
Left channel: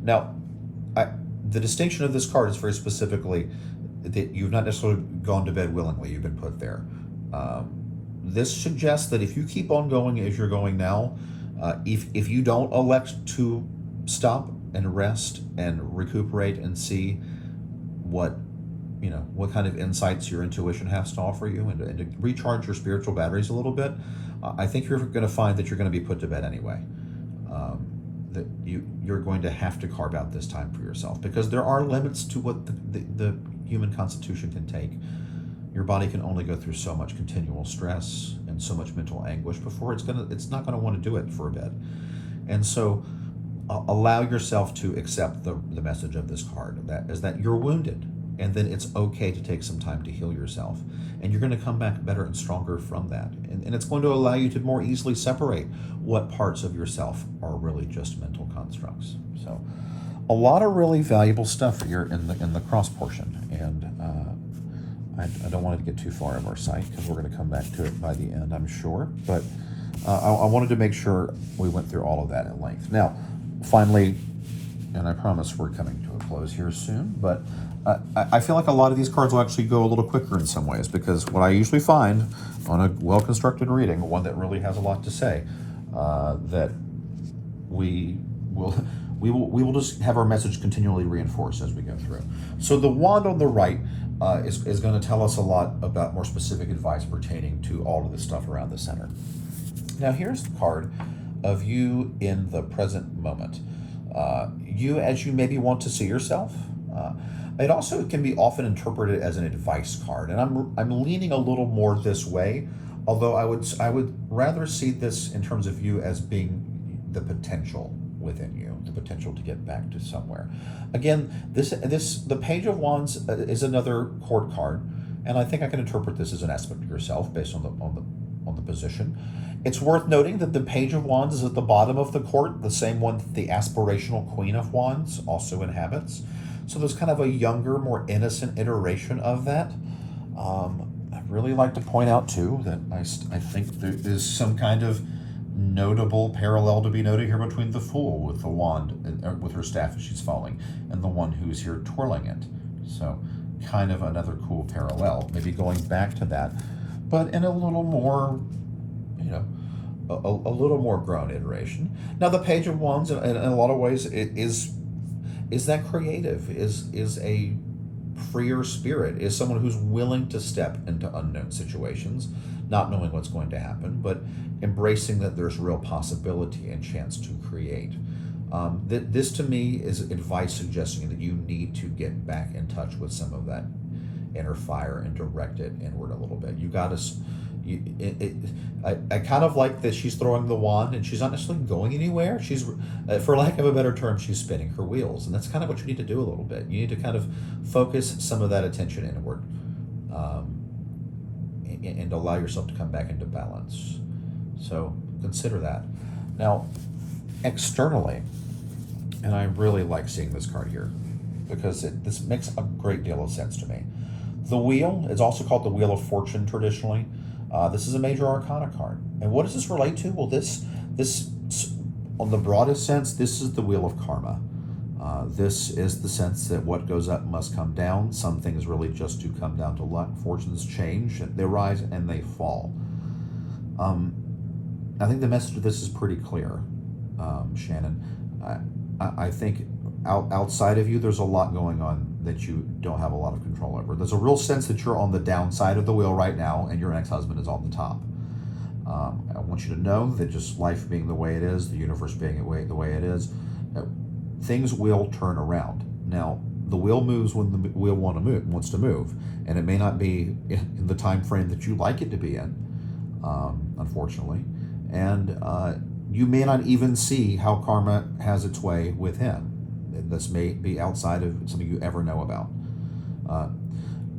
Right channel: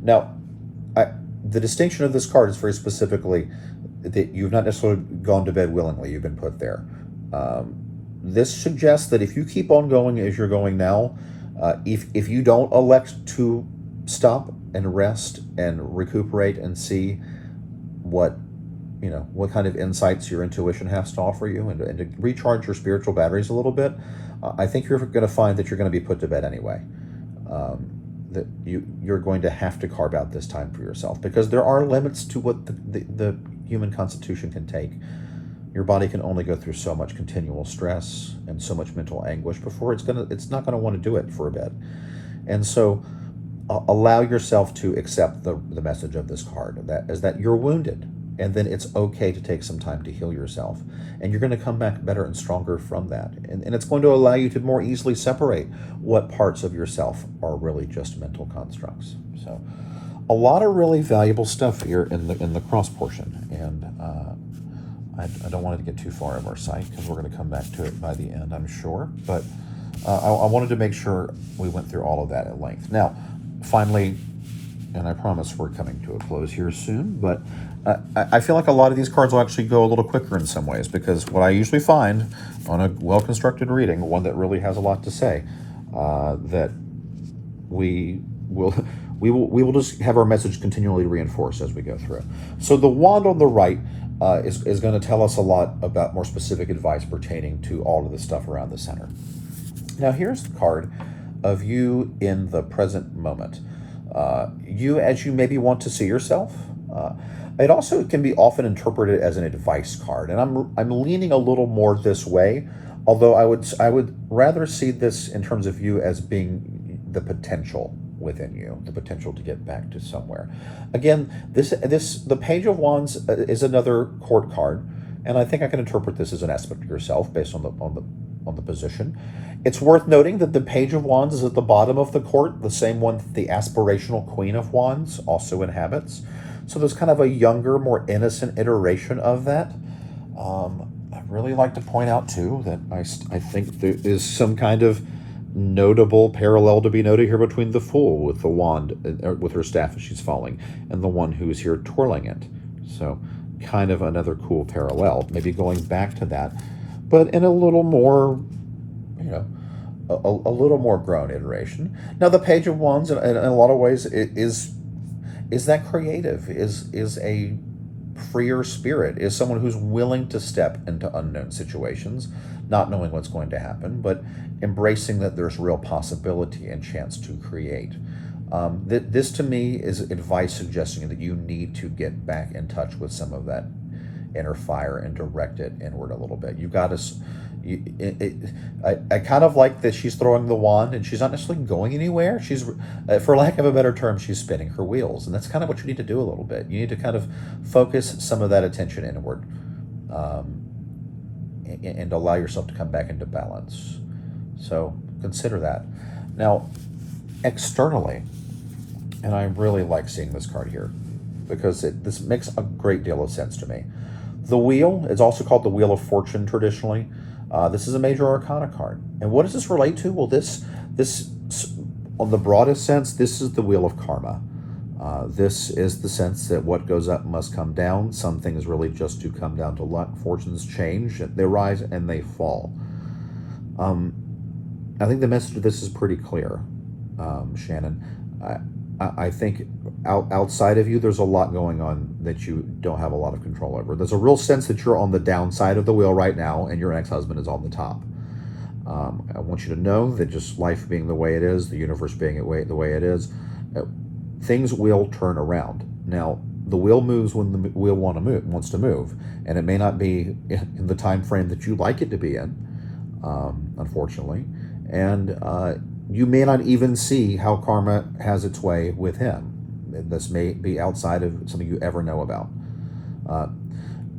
Now, the distinction of this card is very specifically that you've not necessarily gone to bed willingly. You've been put there. This suggests that if you keep on going as you're going now, if you don't elect to stop and rest and recuperate and see what kind of insights your intuition has to offer you, and to recharge your spiritual batteries a little bit, I think you're going to find that you're going to be put to bed anyway. That you're going to have to carve out this time for yourself, because there are limits to what the human constitution can take. Your body can only go through so much continual stress and so much mental anguish before it's not going to want to do it for a bit. And so allow yourself to accept the message of this card, that you're wounded, and then it's okay to take some time to heal yourself, and you're going to come back better and stronger from that, and it's going to allow you to more easily separate what parts of yourself are really just mental constructs. So a lot of really valuable stuff here in the cross portion, and I don't want to get too far of our sight, because we're going to come back to it by the end, I'm sure, but I wanted to make sure we went through all of that at length. Now, finally, and I promise we're coming to a close here soon, but I feel like a lot of these cards will actually go a little quicker in some ways, because what I usually find on a well-constructed reading, one that really has a lot to say, that we will we will just have our message continually reinforced as we go through. So the wand on the right is going to tell us a lot about more specific advice pertaining to all of the stuff around the center. Now here's the card of you in the present moment. You as you maybe want to see yourself. It also can be often interpreted as an advice card, and I'm leaning a little more this way. Although I would rather see this in terms of you as being the potential within you, the potential to get back to somewhere. Again, the Page of Wands is another court card, and I think I can interpret this as an aspect of yourself based on the position. It's worth noting that the Page of Wands is at the bottom of the court, the same one the aspirational Queen of Wands also inhabits. So there's kind of a younger, more innocent iteration of that. I really like to point out too that I think there is some kind of notable parallel to be noted here between the Fool with the wand, with her staff as she's falling, and the one who is here twirling it. So kind of another cool parallel, maybe going back to that, but in a little more, a little more grown iteration. Now the Page of Wands, in a lot of ways, is that creative, is a freer spirit, is someone who's willing to step into unknown situations, not knowing what's going to happen, but embracing that there's real possibility and chance to create. This to me is advice suggesting that you need to get back in touch with some of that inner fire and direct it inward a little bit. You got to. I kind of like that she's throwing the wand and she's not necessarily going anywhere. She's, for lack of a better term, she's spinning her wheels, and that's kind of what you need to do a little bit. You need to kind of focus some of that attention inward, and allow yourself to come back into balance. So consider that. Now, externally, and I really like seeing this card here because this makes a great deal of sense to me. The wheel is also called the Wheel of Fortune traditionally. This is a major arcana card. And what does this relate to? Well, this on the broadest sense, this is the wheel of karma. This is the sense that what goes up must come down. Some things really just do come down to luck. Fortunes change, they rise and they fall. I think the message of this is pretty clear, Shannon. I think outside of you, there's a lot going on that you don't have a lot of control over. There's a real sense that you're on the downside of the wheel right now, and your ex-husband is on the top. I want you to know that just life being the way it is, the universe being the way it is, things will turn around. Now, the wheel moves when the wheel wants to move, and it may not be in the time frame that you like it to be in, unfortunately, and you may not even see how karma has its way with him. This may be outside of something you ever know about.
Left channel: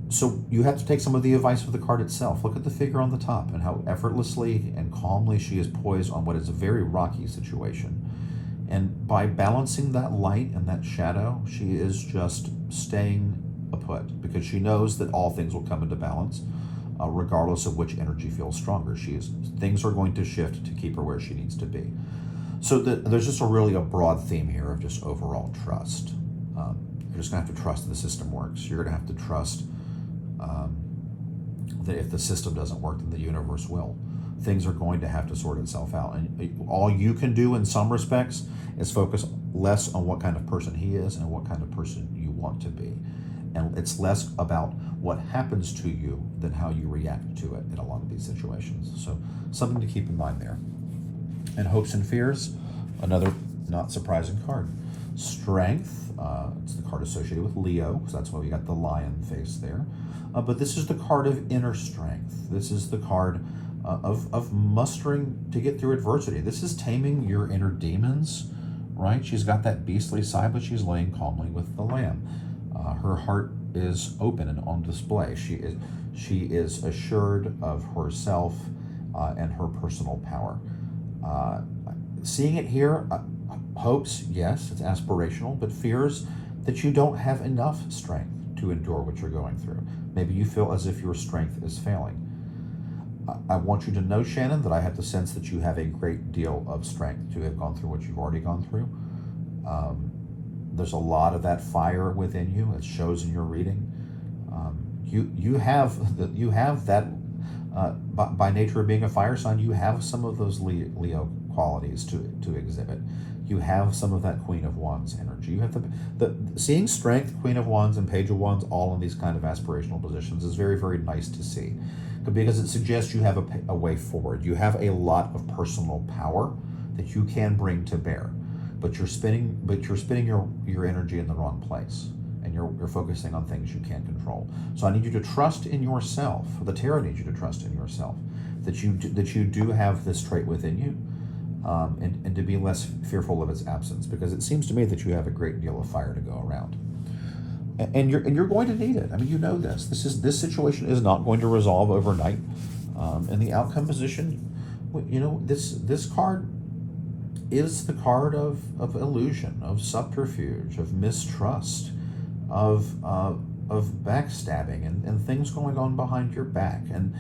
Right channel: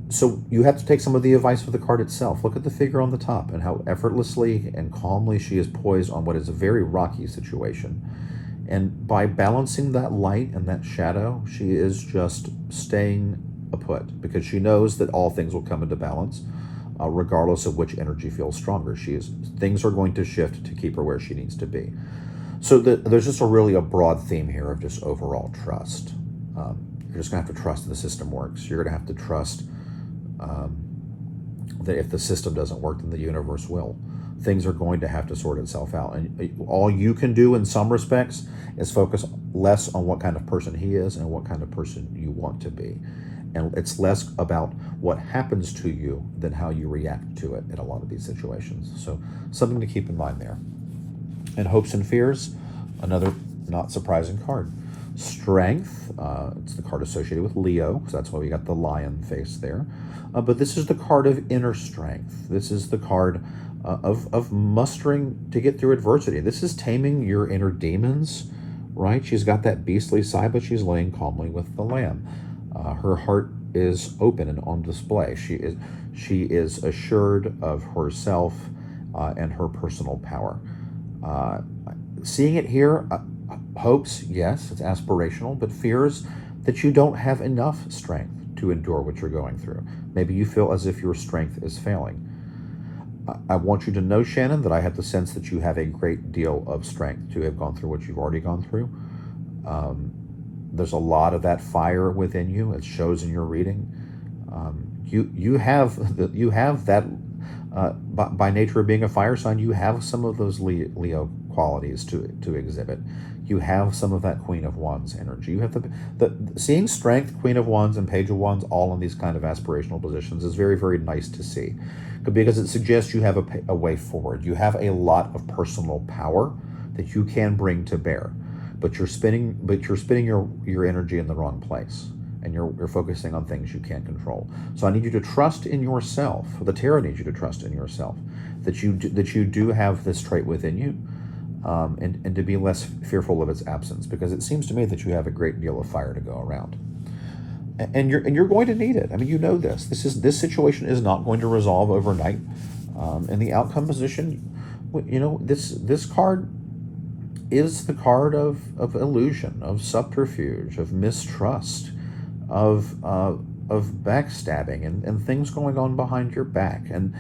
So you have to take some of the advice of the card itself. Look at the figure on the top and how effortlessly and calmly she is poised on what is a very rocky situation. And by balancing that light and that shadow, she is just staying put because she knows that all things will come into balance, regardless of which energy feels stronger. Things are going to shift to keep her where she needs to be. So there's just a broad theme here of just overall trust. You're just going to have to trust that the system works. You're going to have to trust that if the system doesn't work, then the universe will. Things are going to have to sort itself out. And all you can do in some respects is focus less on what kind of person he is and what kind of person you want to be. And it's less about what happens to you than how you react to it in a lot of these situations. So something to keep in mind there. And hopes and fears, another not surprising card. Strength, it's the card associated with Leo, so that's why we got the lion face there. But this is the card of inner strength. This is the card of mustering to get through adversity. This is taming your inner demons, right? She's got that beastly side, but she's laying calmly with the lamb. Her heart is open and on display. She is assured of herself and her personal power. Seeing it here, hopes, yes, it's aspirational, but fears that you don't have enough strength to endure what you're going through. Maybe you feel as if your strength is failing. I want you to know, Shannon, that I have the sense that you have a great deal of strength to have gone through what you've already gone through. There's a lot of that fire within you. It shows in your reading. You have that by nature of being a fire sign, you have some of those Leo qualities to exhibit. You have some of that Queen of Wands energy. You have the seeing strength, Queen of Wands and Page of Wands, all in these kind of aspirational positions is very, very nice to see, because it suggests you have a way forward. You have a lot of personal power that you can bring to bear, but you're spending your energy in the wrong place, and you're focusing on things you can't control. So I need you to trust in yourself. The tarot needs you to trust in yourself, that you do have this trait within you, and to be less fearful of its absence, because it seems to me that you have a great deal of fire to go around, and you're going to need it. I mean, you know this. This situation is not going to resolve overnight. In the outcome position, this card is the card of illusion, of subterfuge, of mistrust, of backstabbing, and things going on behind your back, and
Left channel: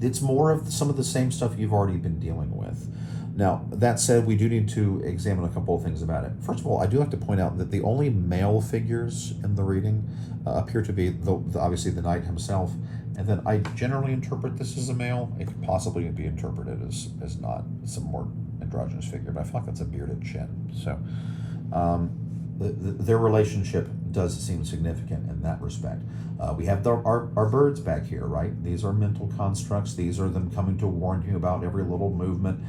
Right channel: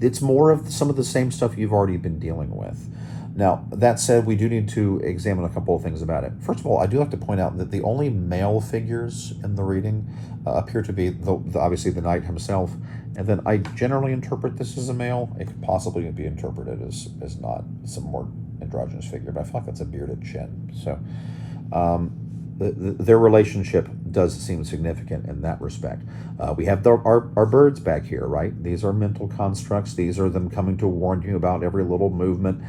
it's more of some of the same stuff you've already been dealing with. Now, that said, we do need to examine a couple of things about it. First of all, I do have to point out that the only male figures in the reading appear to be obviously the knight himself, and then I generally interpret this as a male. It could possibly be interpreted as not some more androgynous figure, but I feel like that's a bearded chin. So their relationship does seem significant in that respect. We have our birds back here, right? These are mental constructs. These are them coming to warn you about every little movement.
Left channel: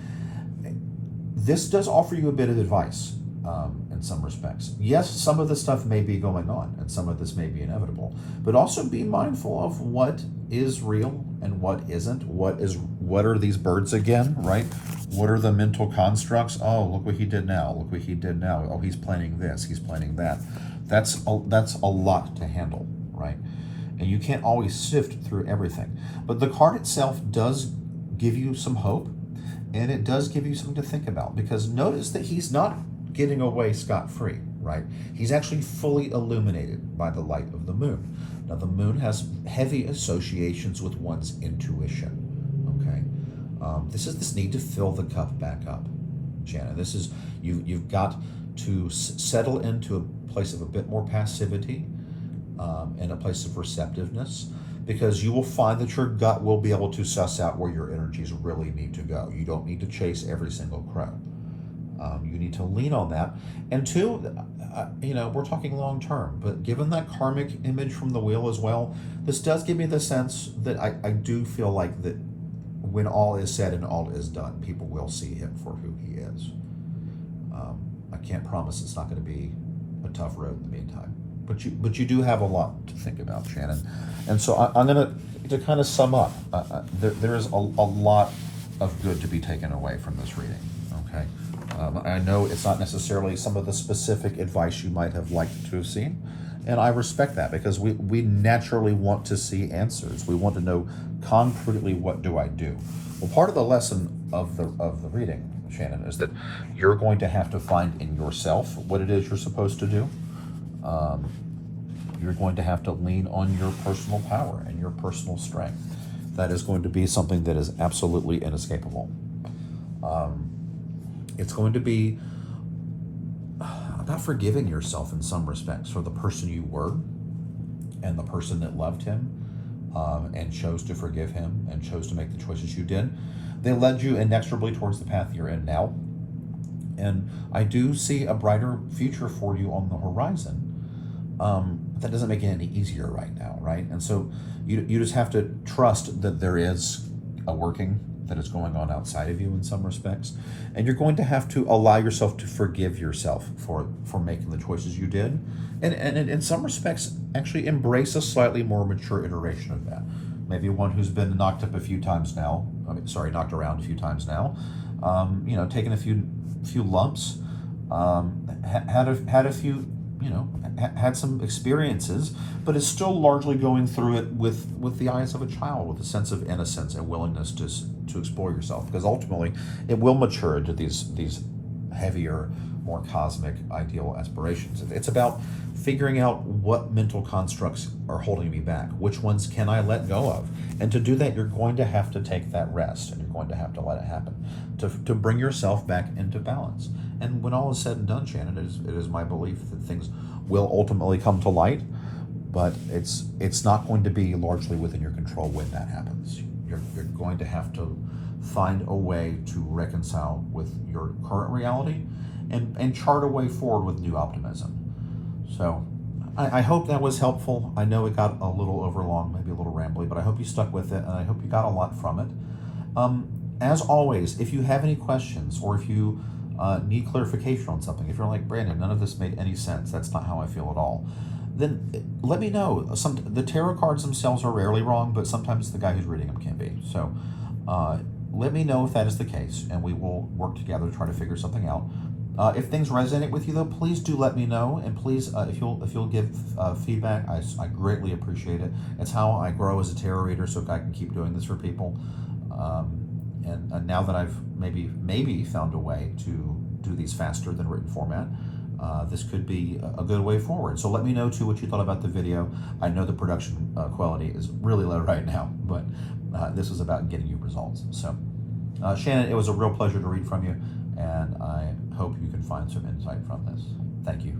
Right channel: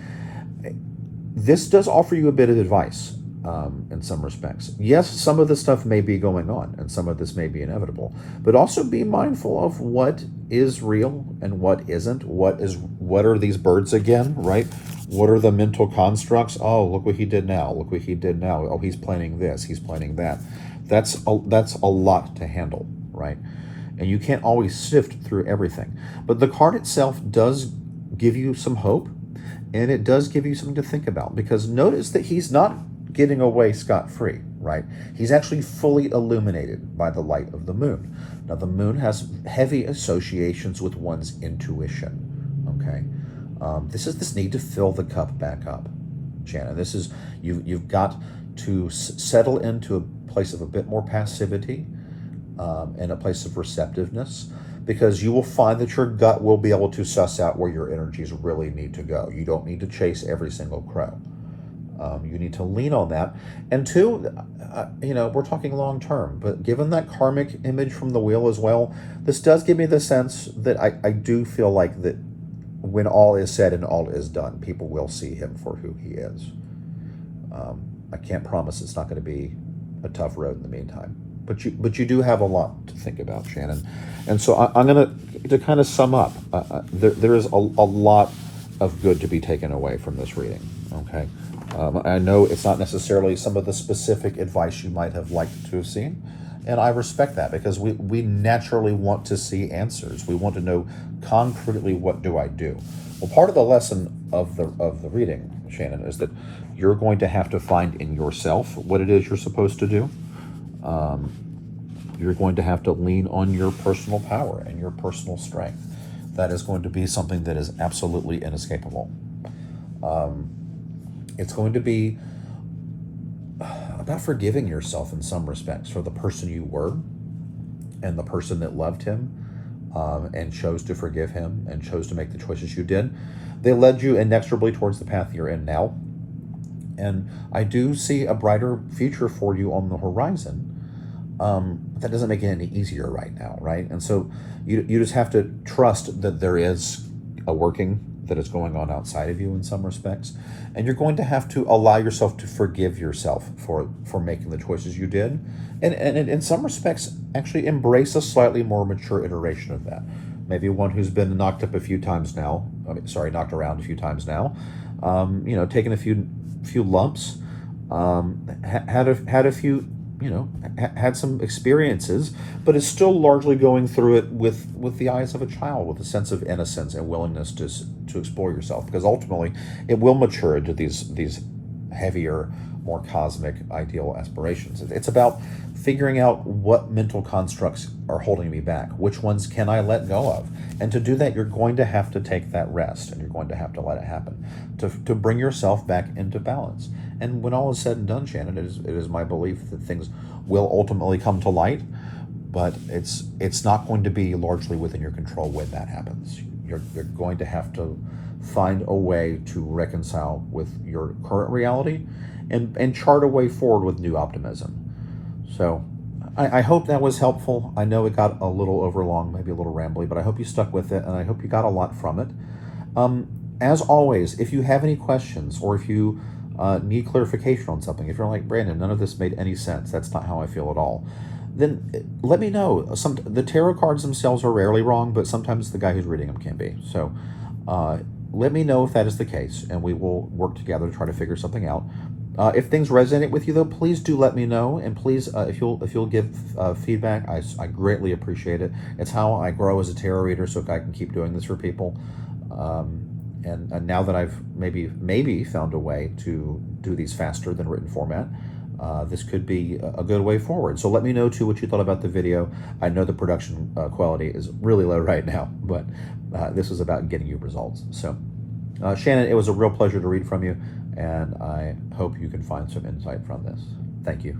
This does offer you a bit of advice in some respects. Yes, some of this stuff may be going on, and some of this may be inevitable, but also be mindful of what is real and what isn't. What are these birds again, right? What are the mental constructs? Oh, look what he did now. Look what he did now. Oh, he's planning this. He's planning that. That's a lot to handle, right? And you can't always sift through everything. But the card itself does give you some hope, and it does give you something to think about, because notice that he's not getting away scot-free, right? He's actually fully illuminated by the light of the moon. Now, the moon has heavy associations with one's intuition, okay? This is this need to fill the cup back up, Shannen. This is, you've got to settle into a place of a bit more passivity, and a place of receptiveness, because you will find that your gut will be able to suss out where your energies really need to go. You don't need to chase every single crow. You need to lean on that. And two, we're talking long term, but given that karmic image from the wheel as well, this does give me the sense that I do feel like that when all is said and all is done, people will see him for who he is. I can't promise it's not going to be a tough road in the meantime, but you do have a lot to think about, Shannen. And so I'm going to kind of sum up. There is a lot of good to be taken away from this reading, okay? I know it's not necessarily some of the specific advice you might have liked to have seen, and I respect that, because we naturally want to see answers. We want to know concretely, what do I do? Well, part of the lesson of the reading, Shannen, is that you're going to have to find in yourself what it is you're supposed to do. You're going to have to lean on your personal power and your personal strength. That is going to be something that is absolutely inescapable. It's going to be about forgiving yourself in some respects for the person you were and the person that loved him, and chose to forgive him and chose to make the choices you did. They led you inexorably towards the path you're in now. And I do see a brighter future for you on the horizon. That doesn't make it any easier right now, right? And so you just have to trust that there is a working that is going on outside of you in some respects, and you're going to have to allow yourself to forgive yourself for making the choices you did, and in some respects actually embrace a slightly more mature iteration of that. Maybe one who's been knocked around a few times now, taken a few lumps, had a few, had some experiences, but is still largely going through it with the eyes of a child, with a sense of innocence and willingness to explore yourself, because ultimately it will mature into these heavier, more cosmic, ideal aspirations. It's about figuring out what mental constructs are holding me back, which ones can I let go of, and to do that you're going to have to take that rest, and you're going to have to let it happen to bring yourself back into balance. And when all is said and done, Shannen, it is my belief that things will ultimately come to light, but it's not going to be largely within your control when that happens. You're going to have to find a way to reconcile with your current reality and chart a way forward with new optimism. So I hope that was helpful. I know it got a little overlong, maybe a little rambly, but I hope you stuck with it, and I hope you got a lot from it. As always, if you have any questions, or if you need clarification on something, if you're like, Brandon, none of this made any sense, that's not how I feel at all, then let me know. The tarot cards themselves are rarely wrong, but sometimes the guy who's reading them can be. So let me know if that is the case, and we will work together to try to figure something out. If things resonate with you, though, please do let me know, and please, if you'll give feedback, I greatly appreciate it. It's how I grow as a tarot reader, so I can keep doing this for people. And now that I've maybe found a way to do these faster than written format, this could be a good way forward. So let me know too what you thought about the video. I know the production quality is really low right now, but this is about getting you results. So Shannon, it was a real pleasure to read from you, and I hope you can find some insight from this. Thank you.